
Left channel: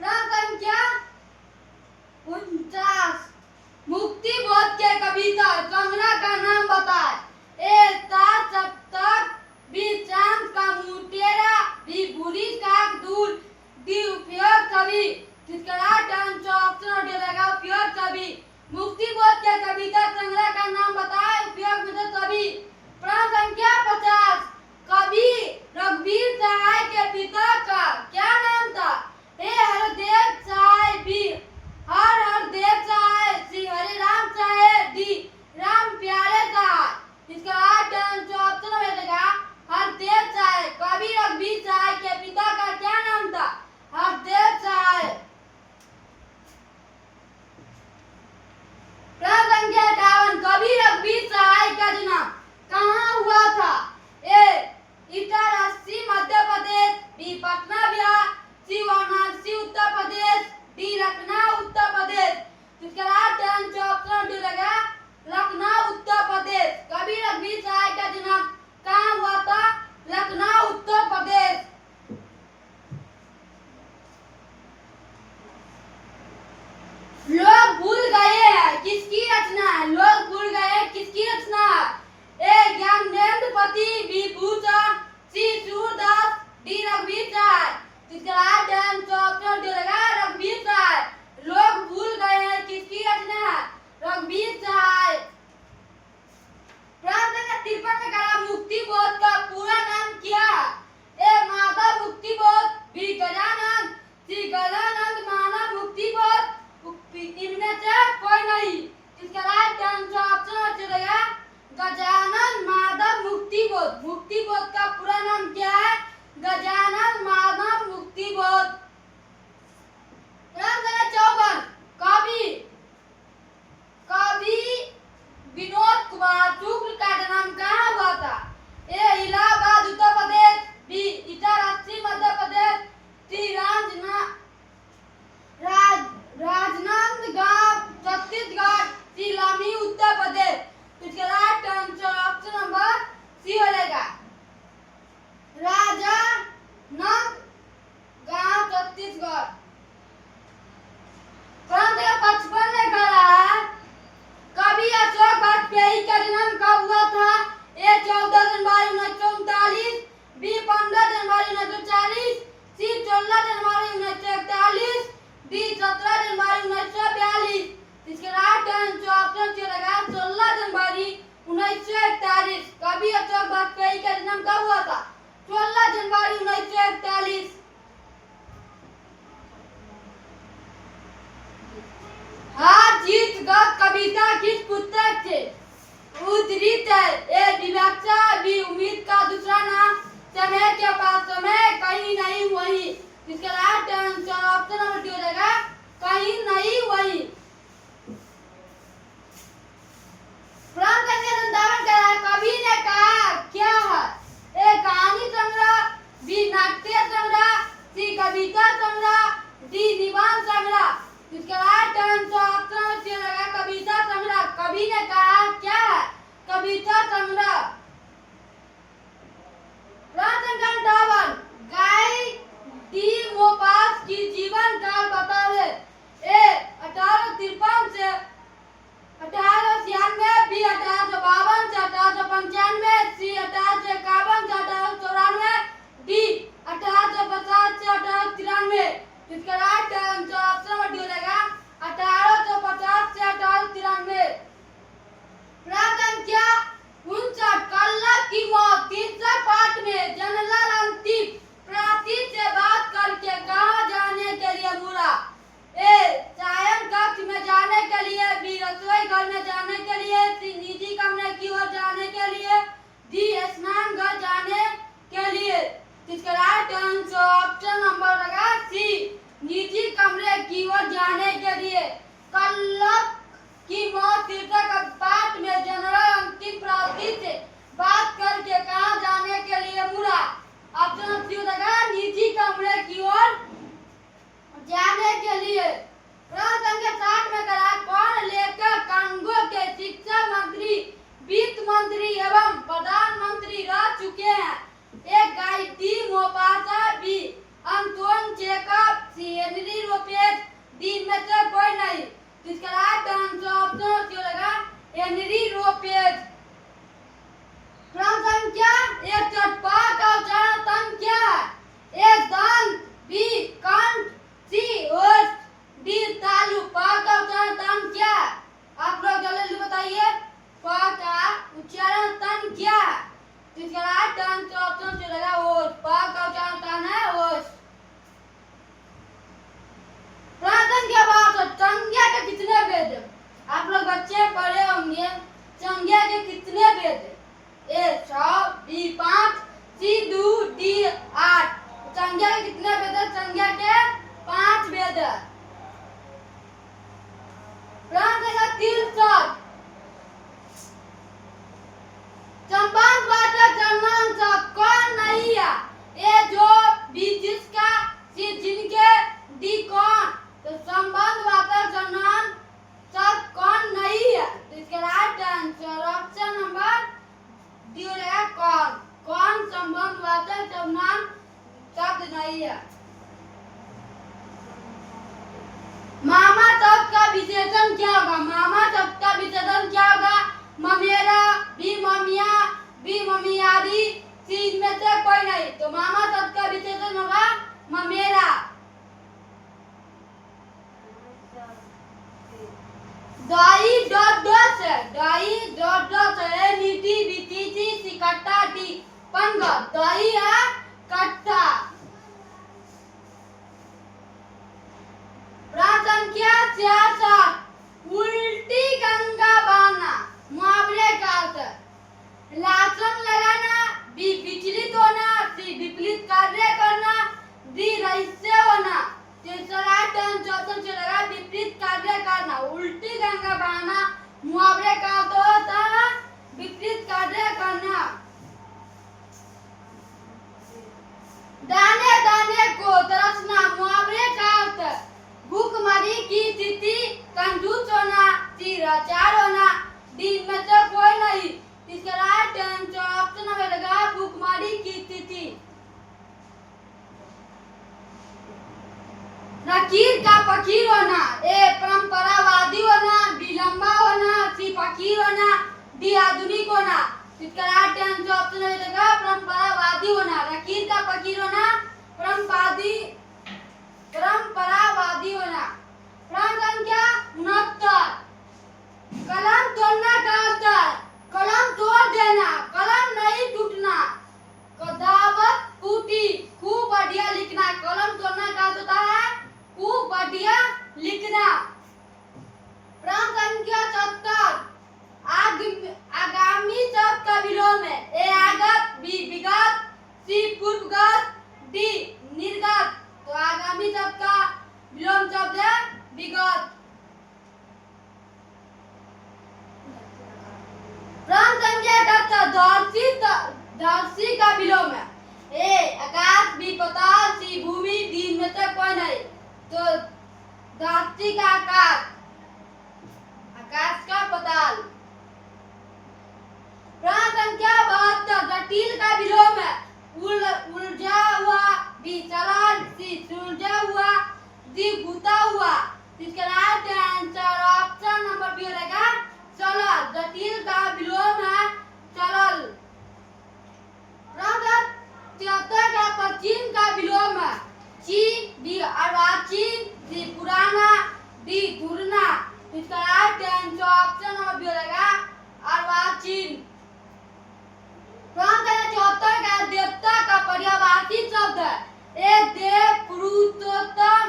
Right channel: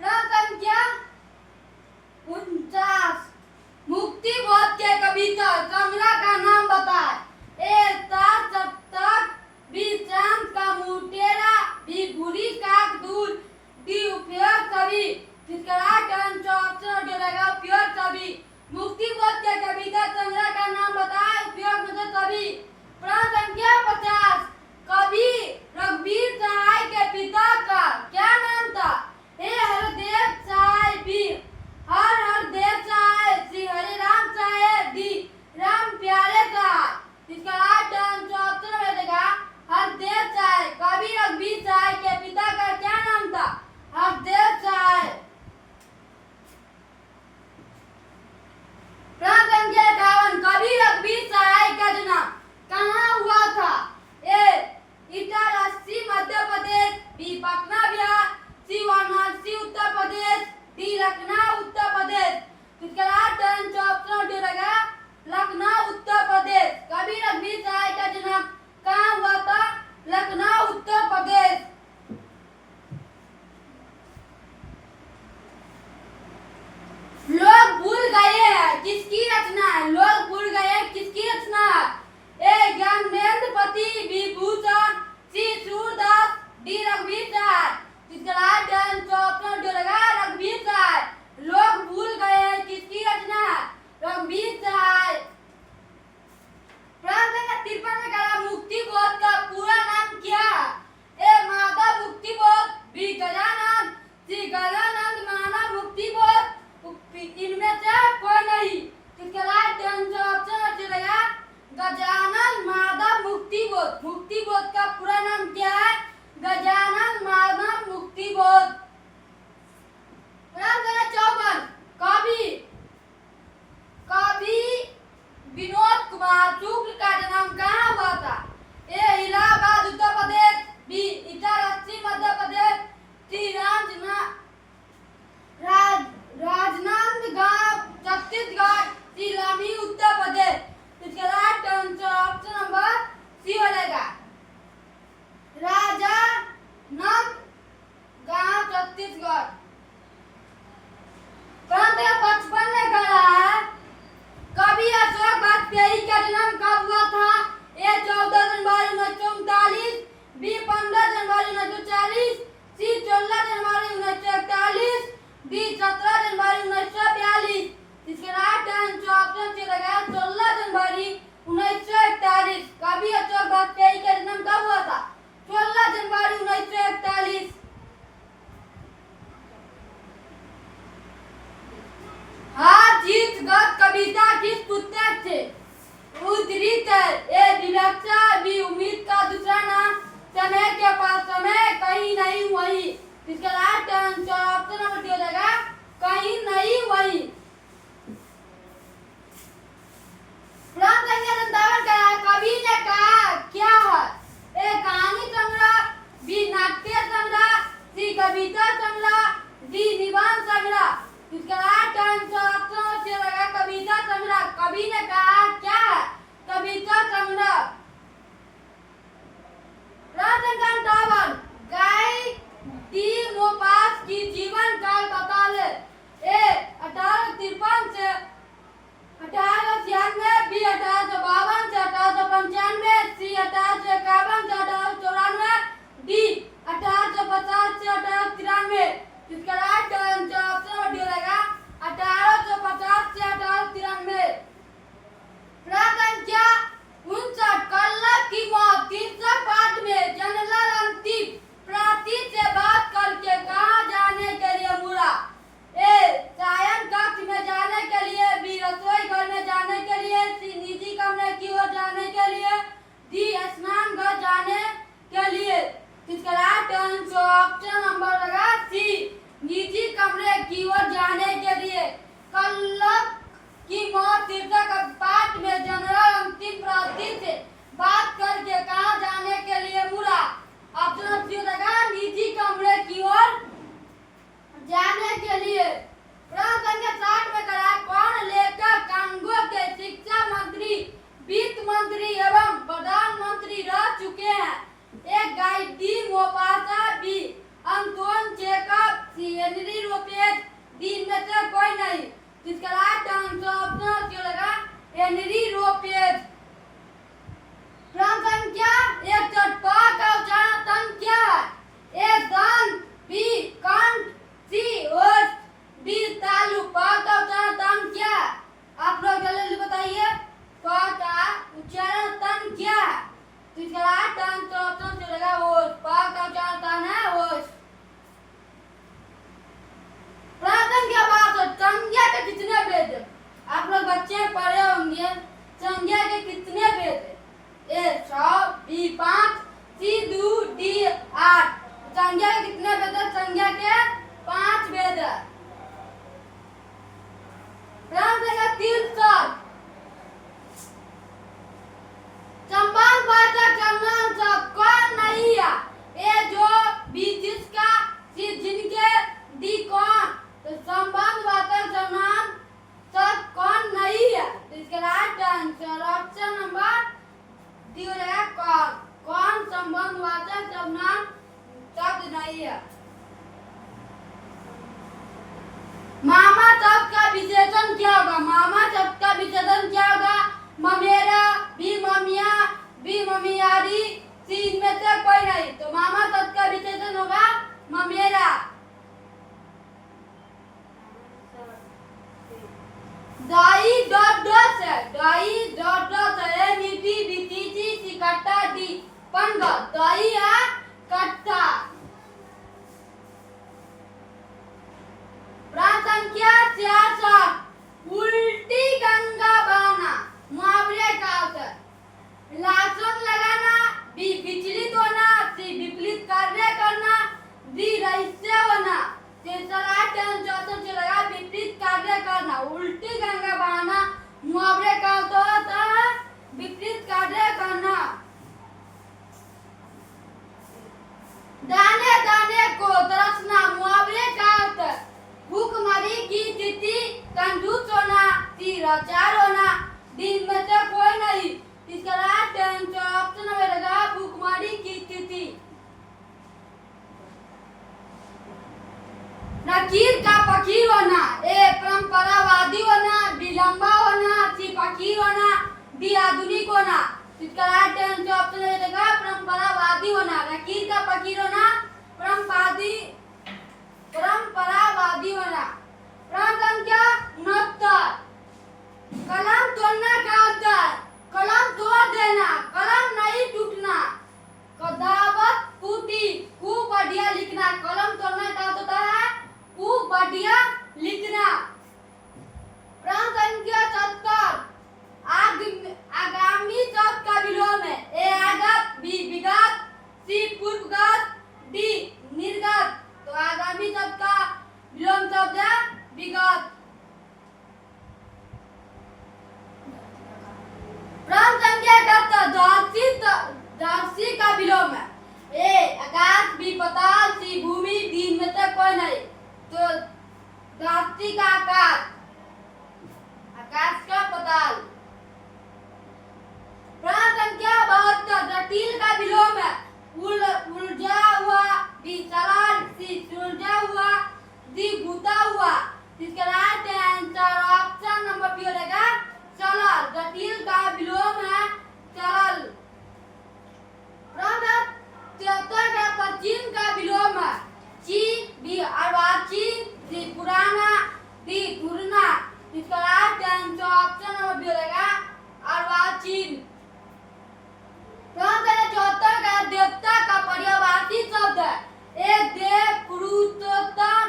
प्रश्न संख्या 49, मुक्ति बोध के कविता संग्रह का नाम बताए। ए सात सप्तक, बी चांद का मुटेरा, बी बुरी काक दूर, डी उपयोग कवि। इसका राइट आंसर ऑप्शन डी रहेगा उपयोग कवि। मुक्ति बोध के कविता संग्रह का नाम बताए, उपयोग में कवि। प्रश्न संख्या 50, कवि रघुवीर सहाय के पिता का क्या नाम था? ए हरदेव सहाय, बी हरदेव सहाय, सी हरिराम सहाय, डी राम प्यारे सहाय। इसका राइट आंसर ऑप्शन में रहेगा हरदेव सहाय। कवि रघुवीर सहाय के पिता का क्या नाम था? हरदेव सहाय। प्रश्न संख्या 51, कवि रघुवीर सहाय का जन्म कहाँ हुआ था? ए इटारसी मध्य प्रदेश, बी पटना बिहार, सी वाराणसी उत्तर प्रदेश, डी लखनऊ उत्तर प्रदेश। इसका राइट आंसर ऑप्शन डी रहेगा लखनऊ उत्तर प्रदेश। कवि रघुवीर सहाय का जन्म कहाँ हुआ था? लखनऊ उत्तर प्रदेश। लोग भूल गए हैं किसकी रचना है? लोग भूल गए हैं किसकी रचना है? ए ज्ञानेंद्रपति, बी भूषण, सी सूरदास, डी रघुवीर सहाय। इसका राइट आंसर ऑप्शन डी रहेगा रघुवीर सहाय। लोग भूल गए हैं किसकी रचना है? रघुवीर सहाय। प्रश्न संख्या 53 में कहा मुक्ति बोध का पूरा नाम क्या है? ए माधव मुक्ति बोध, बी गजानंद, सी गजानंद मानव मुक्ति बोध, इनमें से कोई नहीं। इसका राइट आंसर ऑप्शन डी रहेगा गजानन माधव मुक्ति बोध। मुक्ति बोध का पूरा नाम क्या है? गजानन माधव मुक्ति बोध। प्रश्न संख्या 54, कवि विनोद कुमार शुक्ल का जन्म कहाँ हुआ था? A Allahabad Uttar Pradesh, B Itarsi Madhya Pradesh, C Rajnandgaon Chhattisgarh, C Lamhi Uttar Pradesh. इसका right answer option number C हो जाएगा राजनांदगांव छत्तीसगढ़। प्रश्न 55 में कहा है कवि अशोक वाजपेयी का जन्म कब हुआ था? ए 14 जनवरी 1939, बी 15 जनवरी 1940, सी 16 जनवरी 1941, डी 17 जनवरी 1942। इसके राइट आंसर ऑप्शन सी रहेगा 16 जनवरी 1941। कवि अशोक वाजपेयी का जन्म कब हुआ था? 16 जनवरी 1941। हार जीत गत कविता किस पुस्तक से उद्धृत है? ए विवक्षा, बी उम्मीद का दूसरा नाम, समय के पास समय, कहीं नहीं वही। इसका right answer option number D रहेगा कहीं नहीं वही। प्रश्न संख्या 57 का कवि ने कहा क्या है? ए कहानी संग्रह, बी नाट्य संग्रह, सी कविता संग्रह, डी निबंध संग्रह। इसका राइट आंसर ऑप्शन सी रहेगा कविता संग्रह। कवि ने कहा क्या है? कविता संग्रह। प्रश्न संख्या 58, गाय डी मोपास की जीवन काल बतावे। ए 1853 से 1896, बी 1852 से 1895, सी 1851 से 1894, डी 1850 से 1893। इसका राइट आंसर ऑप्शन डी रहेगा 1850 से 1893। प्रश्न संख्या 59, कल्लर की मौत तीसरा पार्ट में जनरल अंतिम प्रार्थी से बात करके कहाँ जाने के लिए मुड़ा? ए कोई नहीं। इसका राइट आंसर ऑप्शन क्यों लगा हेनरी रोपेज। प्रश्न संख्या 61 प का उच्चारण क्या है? ए दंत, बी कंठ, सी ओष्ठ, डी तालु। प का उच्चारण क्या है? आप लोग जल्दी बताइए प का उच्चारण तन क्या है? तो इसका राइट आंसर ऑप्शन जो लगा ओष्ठ। प का उच्चारण तन है ओष्ठ। प्रश्न क्या बात है संज्ञा के कितने भेद है? आप लोग बच्चे पढ़े होंगे संज्ञा के कितने भेद है? ए 100, बी 5, सी 2, डी 8। संज्ञा के कितने भेद है? संज्ञा के 5 भेद है। प्रश्न का 63 संबंधवाचक सर्वनाम शब्द कौन नहीं है? ए जो, बी जिसका, सी जिनके, डी कौन। तो संबंधवाचक सर्वनाम शब्द कौन नहीं है? तो इसका right answer option number D हो जाएगा कौन। कौन संबंधवाचक सर्वनाम शब्द नहीं है। मामा शब्द का विशेषण क्या होगा? मामा शब्द का विशेषण क्या होगा? ममेरा, बी ममिया, बी ममियारी, सी इनमें से कोई नहीं। तो मामा शब्द का विशेषण होगा ममेरा। दाई डॉट डॉट है। दाई डॉट डॉट है मीठी बीती सी कट्टा डी पंगा। दाई है कट्टा। प्रश्न संख्या 66 उल्टी गंगा बहाना मुहावरे का अर्थ है? लासन लगाना, बी विचलित होना, सी विपरीत कार्य करना, डी रहस्य होना। राइट आंसर जो लगा विपरीत कार्य करना। उल्टी गंगा बहाना मुहावरे का अर्थ होता है विपरीत कार्य करना। दाने दाने को तरसना मुहावरे का अर्थ है भूखमरी की स्थिति, कंजूस होना, लाचार होना, दिन में से कोई नहीं। इसका राइट आंसर ऑप्शन में लगा भूखमरी की स्थिति। नकीर का फकीर होना, ए परंपरावादी होना, बी लंबा होना, सी फकीर होना, डी आधुनिक होना। इसका राइट आंसर ऑप्शन में लगा परंपरावादी होना। नकीर का फकीर होना, परंपरावादी होना। प्रश्न संख्या 69 कलम तोड़ना का अर्थ है? कलम तोड़ देना, कलम नहीं टूटना, कदावत फूटी, खूब बढ़िया लिखना। कलम तोड़ना का अर्थ होता है खूब बढ़िया लिखना। प्रश्न संख्या 70 आगामी शब्द का विलोम है? ए आगत, बी विगत, सी पूर्वगत, डी निर्गत। तो आगामी शब्द का विलोम शब्द है विगत। प्रश्न संख्या 71 धरती का विलोम है? ए आकाश, बी पाताल, सी भूमि, डी में से कोई नहीं। तो धरती का आकाश, आकाश का पाताल। प्रश्न संख्या 72 जटिल का विलोम है? उलझा हुआ, बी सरल, सी सुलझा हुआ, डी गुता हुआ। इसका right answer option number B रहेगा सरल। जटिल का विलोम है सरल। प्रश्न 73 का प्राचीन का विलोम है? ची, बी अर्वाचीन, सी पुराना, डी धुरना। इसका right answer option number B रहेगा अर्वाचीन। प्रश्न 74 का देवता का पर्यायवाची शब्द है? ए देव, पुरुषोत्तम,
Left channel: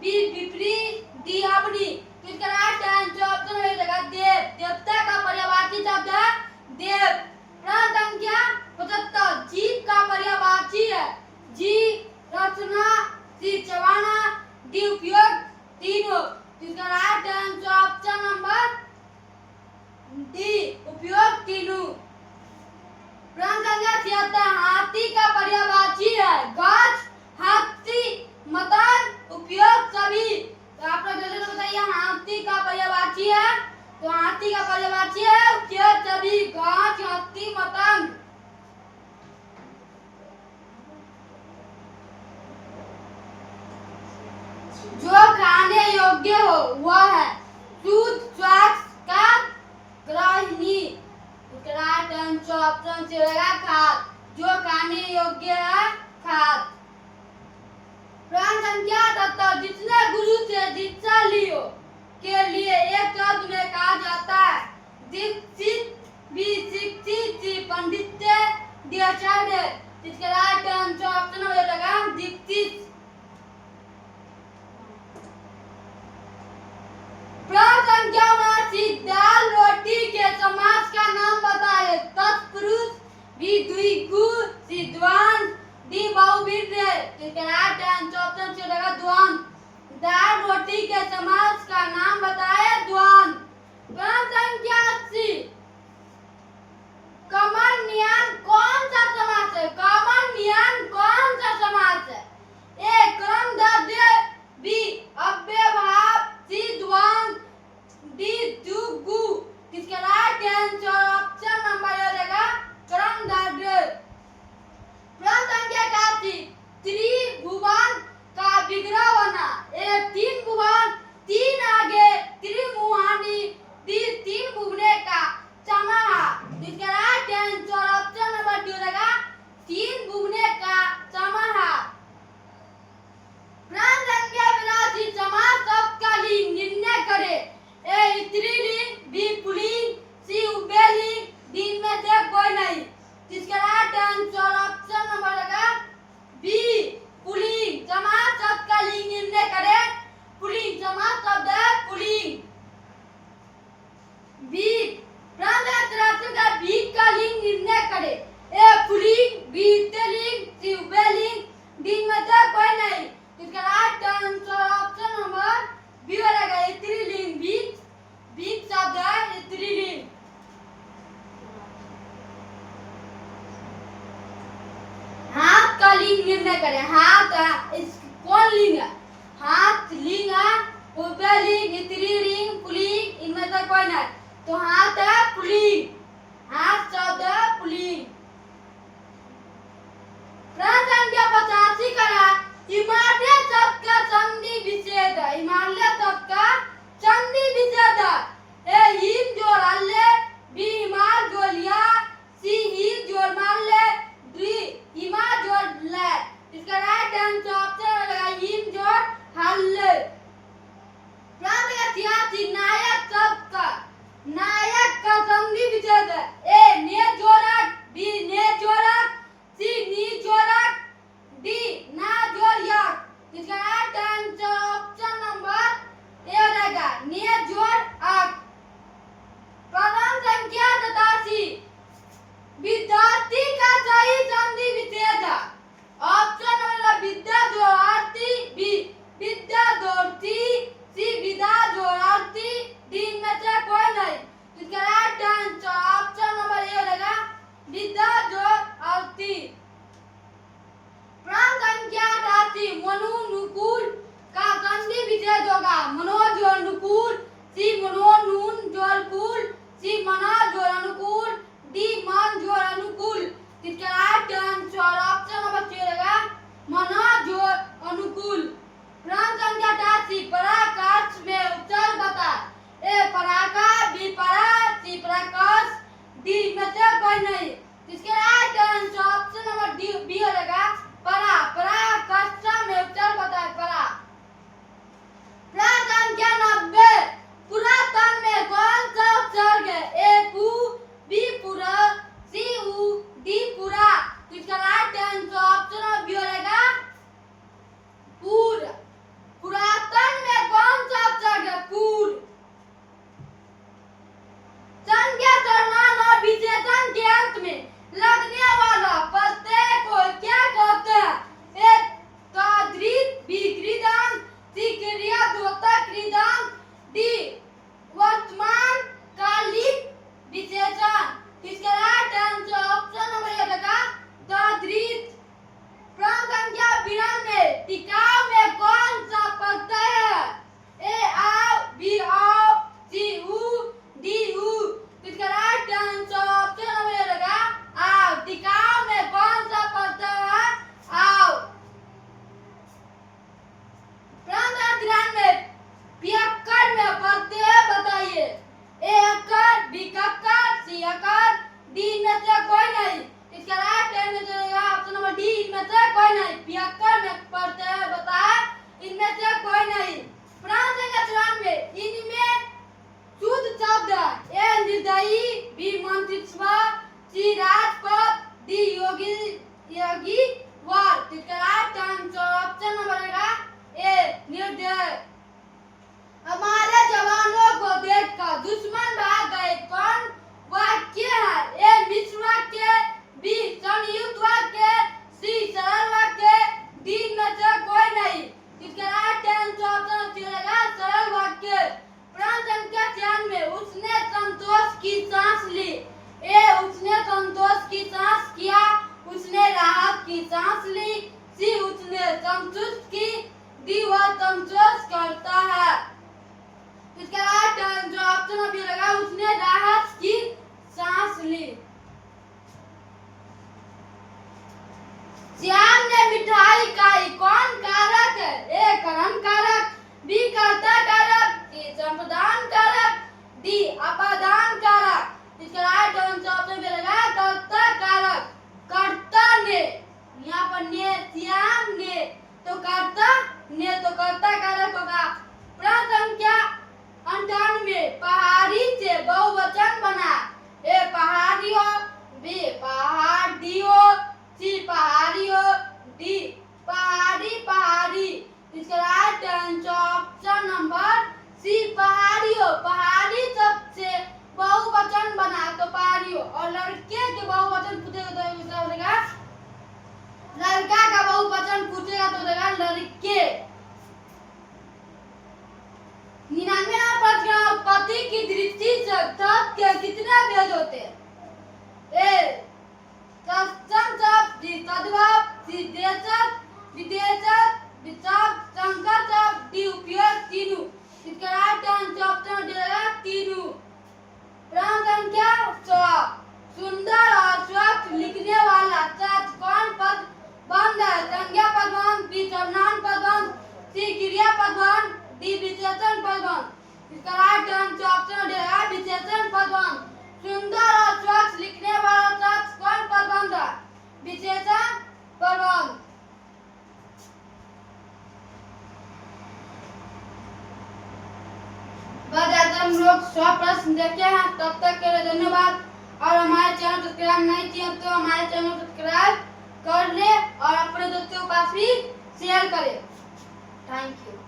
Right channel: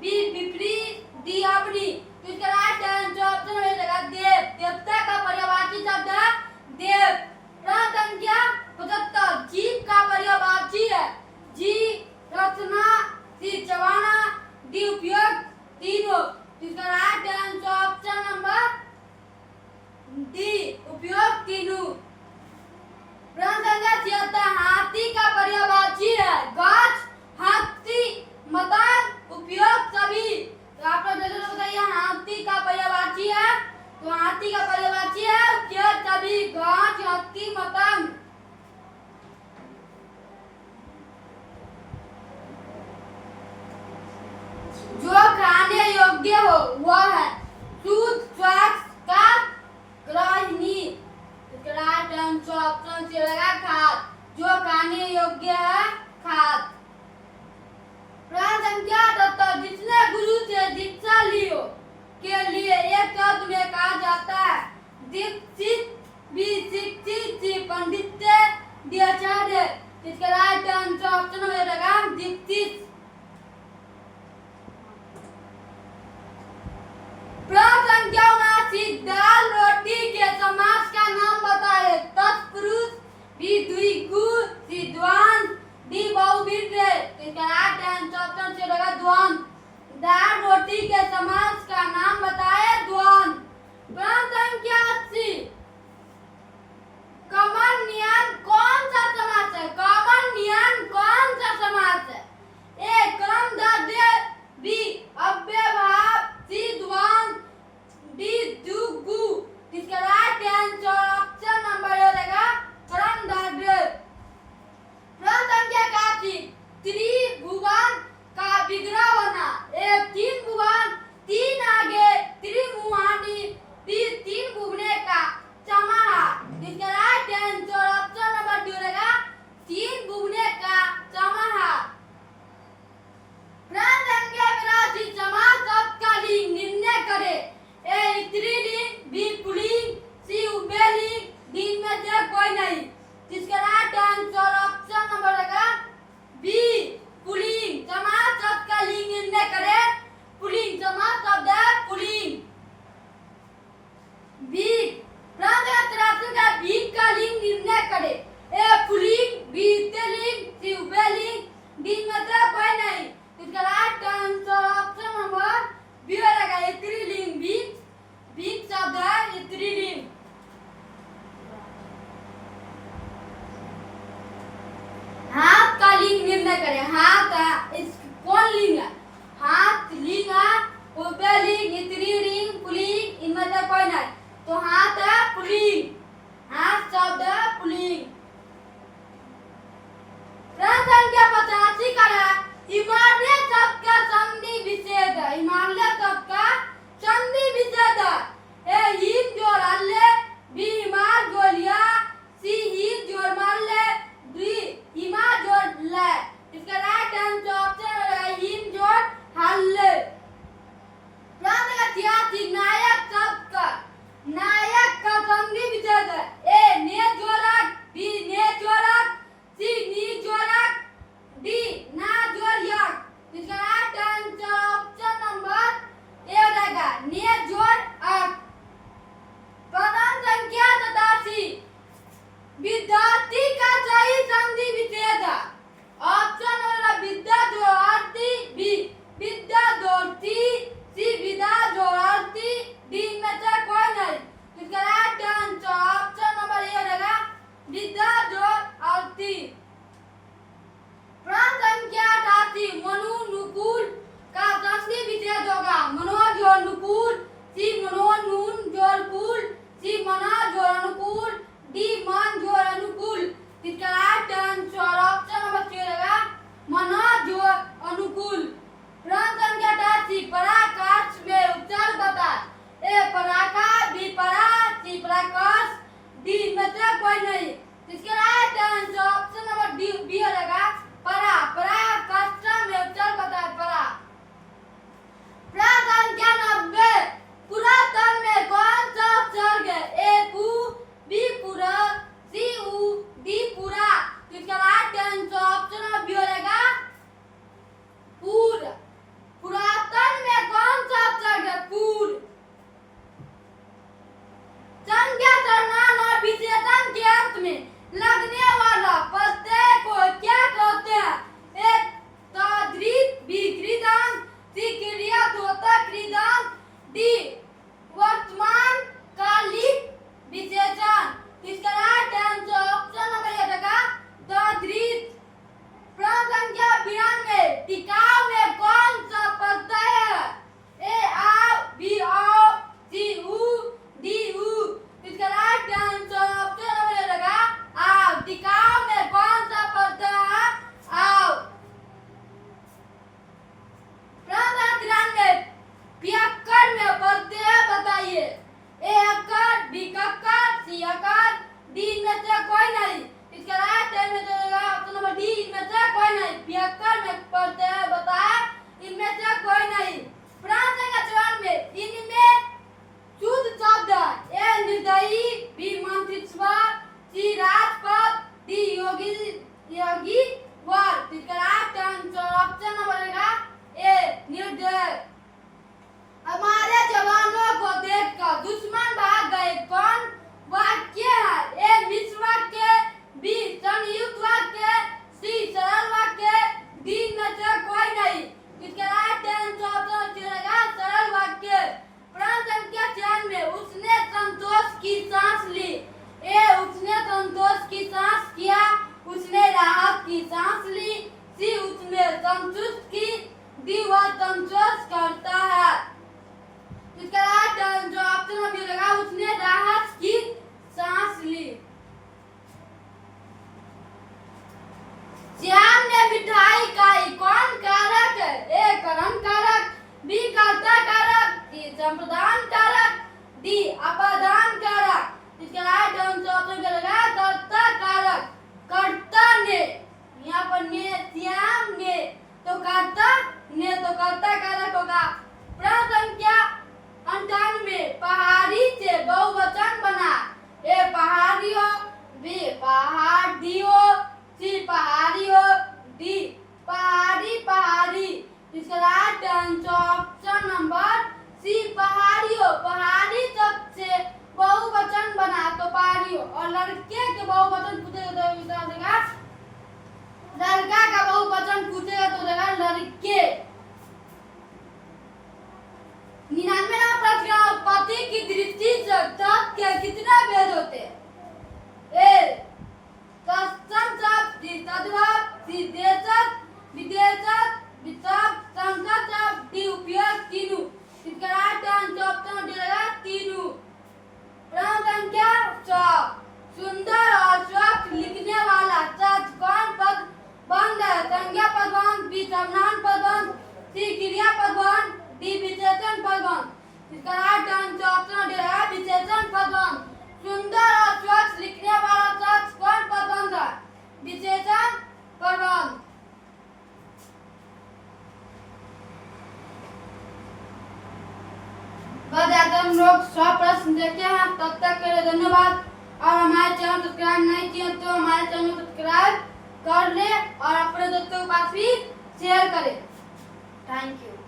बी विपरीत, डी अपनी। इसका राइट आंसर ऑप्शन में रहेगा देव। देवता का पर्यायवाची शब्द है देव। प्रश्न संख्या 75 जीव का पर्यायवाची है? जी रचना, सी चबाना, डी उपयोग, तीनों। इसका right answer option number D उपयोग तीनों। प्रश्न संख्या 76 हाथी का पर्यायवाची है? गज, हाथी, मतंग, उपयोग, सभी। तो आप लोग जल्दी से बताइए हाथी का पर्यायवाची है? तो हाथी का पर्यायवाची है उपयोग, सभी, गज, हाथी, मतंग। जो खाने योग्य हो वो वह है। शुद्ध स्वच्छ का ग्रहणी, राइट आंसर ऑप्शन सी रहेगा खाद, जो खाने योग्य है खाद। प्रश्न संख्या 78, जिसने गुरु से दीक्षा लियो के लिए एक शब्द में कहा जाता है दीक्षित, भी शिक्षित, सी पंडित, डी आचार्य। इसका राइट आंसर ऑप्शन हो जाएगा दीक्षित। प्रश्न संख्या 79, दाल रोटी के समास का नाम बताए। तत्पुरुष, बी द्विगु, सी द्वंद, डी बहुव्रीहि। इसका राइट आंसर ऑप्शन से रहेगा द्वंद। दाल रोटी के समास का नाम बताए द्वंद। प्रश्न संख्या 80, कमनियन कौन सा समास है? कमनियन कौन सा समास है? ए क्रम द्रव्य, बी अव्ययभाव, सी द्वंद, डी द्विगु। इसका राइट आंसर ऑप्शन नंबर हो जाएगा क्रम द्रव्य। प्रश्न संख्या 81, त्रिभुवन का विग्रह बना। ए तीन भुवन, तीन आगे, त्रिमुहानी, डी तीन भुवने का समाहा। इसका right answer option number D रहेगा तीन भुवने का समाहा। प्रश्न संख्या 82, समास शब्द का लिंग निर्णय करे। ए स्त्रीलिंग, बी पुल्लिंग, सी उभयलिंग, डी में से कोई नहीं। इसका राइट आंसर ऑप्शन नंबर रहेगा बी पुल्लिंग। समास शब्द का लिंग निर्णय करे पुल्लिंग, समास शब्द है पुल्लिंग। भीख, प्रश्न 83 का भीख का लिंग निर्णय करे। ए पुल्लिंग, बी स्त्रीलिंग, सी उभयलिंग, डी में से कोई नहीं। इसका right answer option number B रहेगा स्त्रीलिंग। भीख, भीख शब्द है स्त्रीलिंग। हाथ का लिंग निर्णय करें। हाथ इस कौन लिंग है? हाथ लिंग है, उभयलिंग, स्त्रीलिंग, पुल्लिंग, इनमें से कोई नहीं। तो हाथ है पुल्लिंग। हाथ शब्द है पुल्लिंग। प्रश्न संख्या 85 का है हिमालय शब्द का संधि विच्छेद। हिमालय शब्द का संधि विच्छेद है। ए हिम जोड़ हल्ले, बी हिमाल जोड़ लिया, सी ही जोड़ माल्ले, डी हिमा जोड़ ले। इसका राइट आंसर ऑप्शन है हिम जोड़ हल्ले। प्रश्न 86, नायक शब्द का नायक का संधि विच्छेद है। ए ने जोड़क, बी ने जोड़क, सी नी जोड़क, डी ना जोड़क। इसका राइट आंसर ऑप्शन नंबर ए रहेगा ने जोड़क। प्रश्न संख्या 87, विद्यार्थी का सही संधि विच्छेद है। ऑप्शन नंबर विद्या जोड़ती, बी विद्या जोड़ती, सी विद्या जोड़ती, डी में से कोई नहीं। इसका राइट आंसर ऑप्शन नंबर ए रहेगा विद्या जोड़ती। प्रश्न संख्या 88, मनोनुकूल का संधि विच्छेद होगा। मनो जोड़ अनुकूल, सी मनो नून जोड़ कूल, सी मना जोड़ अनुकूल, डी मन जोड़ अनुकूल। इसका right answer option number C रहेगा मना जोड़ अनुकूल। प्रश्न संख्या 88, पराकाष्ठ में उपचार बता। ए पराका, बी परा, सी पराकाष्ठ, डी में से कोई नहीं। इसका right answer option number D B रहेगा परा। पराकाष्ठ में उपचार बता है परा। प्रश्न संख्या 90, पुरातन में कौन सा उपसर्ग है? ए पु, बी पुरा, सी उ, डी पुरा। इसका right answer option number B रहेगा पूर। पुरातन में कौन सा उपसर्ग है? पूर। संज्ञा, सर्वनाम और विशेषण के अंत में लगने वाला प्रत्यय को क्या कोई नहीं, पियक्कर में पढ़ते हैं बताया इनमें से कोई नहीं। प्राण संख्या 94 इनमें शुद्ध शब्द है। ए निर्दयी, बी मंत्रिस्वर, सी राजपथ, डी योगी वर। ऑप्शन नंबर रहेगा ए निर्दय। हमारे जवानों को देखकर दुश्मन भाग गए कौन वाक्य है? ए मिश्र वाक्य, बी संयुक्त वाक्य, सी सरल वाक्य, डी में से कोई नहीं। इसका राइट आंसर रहेगा सरल वाक्य। प्राण संख्या 96 उसने संतोष की सांस ली। ए उसने संतोष की सांस किया, उसने राहत की सांस ली, सी उसने संतुष्ट की, डी वह संतोष करता है। इसका राइट आंसर ऑप्शन अभी लगा उसने राहत की सांस ली। श्याम ने मिठाई खाई कौन कारक है? ए कर्म कारक, बी कर्ता कारक, सी संप्रदान कारक, डी अपादान कारक। इसका राइट आंसर ऑप्शन लगा कर्ता कारक। कर्ता ने, यहाँ पर ने श्याम ने तो कर्ता ने तो कर्ता कारक होगा। प्राण संख्या 98 पहाड़ी से बहुवचन बना। ए पहाड़ियों, बी पहाड़ियों, सी पहाड़ियों, डी पहाड़ी पहाड़ी। इसका right answer option number C पहाड़ियों। पहाड़ी शब्द से बहुवचन बना तो पहाड़ियों। और लड़के के बहुवचन पूछेगा तो उत्तर देगा लड़का का बहुवचन पूछेगा तो देगा लड़के। 99 प्रश्न पति की दृष्टि से तत् के कितने भेद होते हैं? ए तत्सम शब्द, डी तद्भव, सी देशज, विदेशज, विशब्द, संकर शब्द, डी उपयोग तीनों। इसका राइट आंसर ऑप्शन रहेगा तीनों। प्राण संख्या 100 सुंदर और स्वच्छ लिखने वाला शब्द कौन पद बंद है? संज्ञा पद बंद, बी सर्वनाम पद बंद, सी क्रिया पद बंद, डी विशेषण पद बंद। इसका राइट आंसर ऑप्शन रहेगा विशेषण पद बंद। सुंदर और स्वच्छ लिखने वाला शब्द कौन पद बंद है? विशेषण पद बंद। बस ऐसे हम लोग 100 प्रश्न देखे हैं। तब तक के लिए धन्यवाद। और हमारे चैनल सब्सक्राइब नहीं किए तो हमारे चैनल सब्सक्राइब कर ले और अपने दोस्तों के पास भी शेयर करें। Thank you.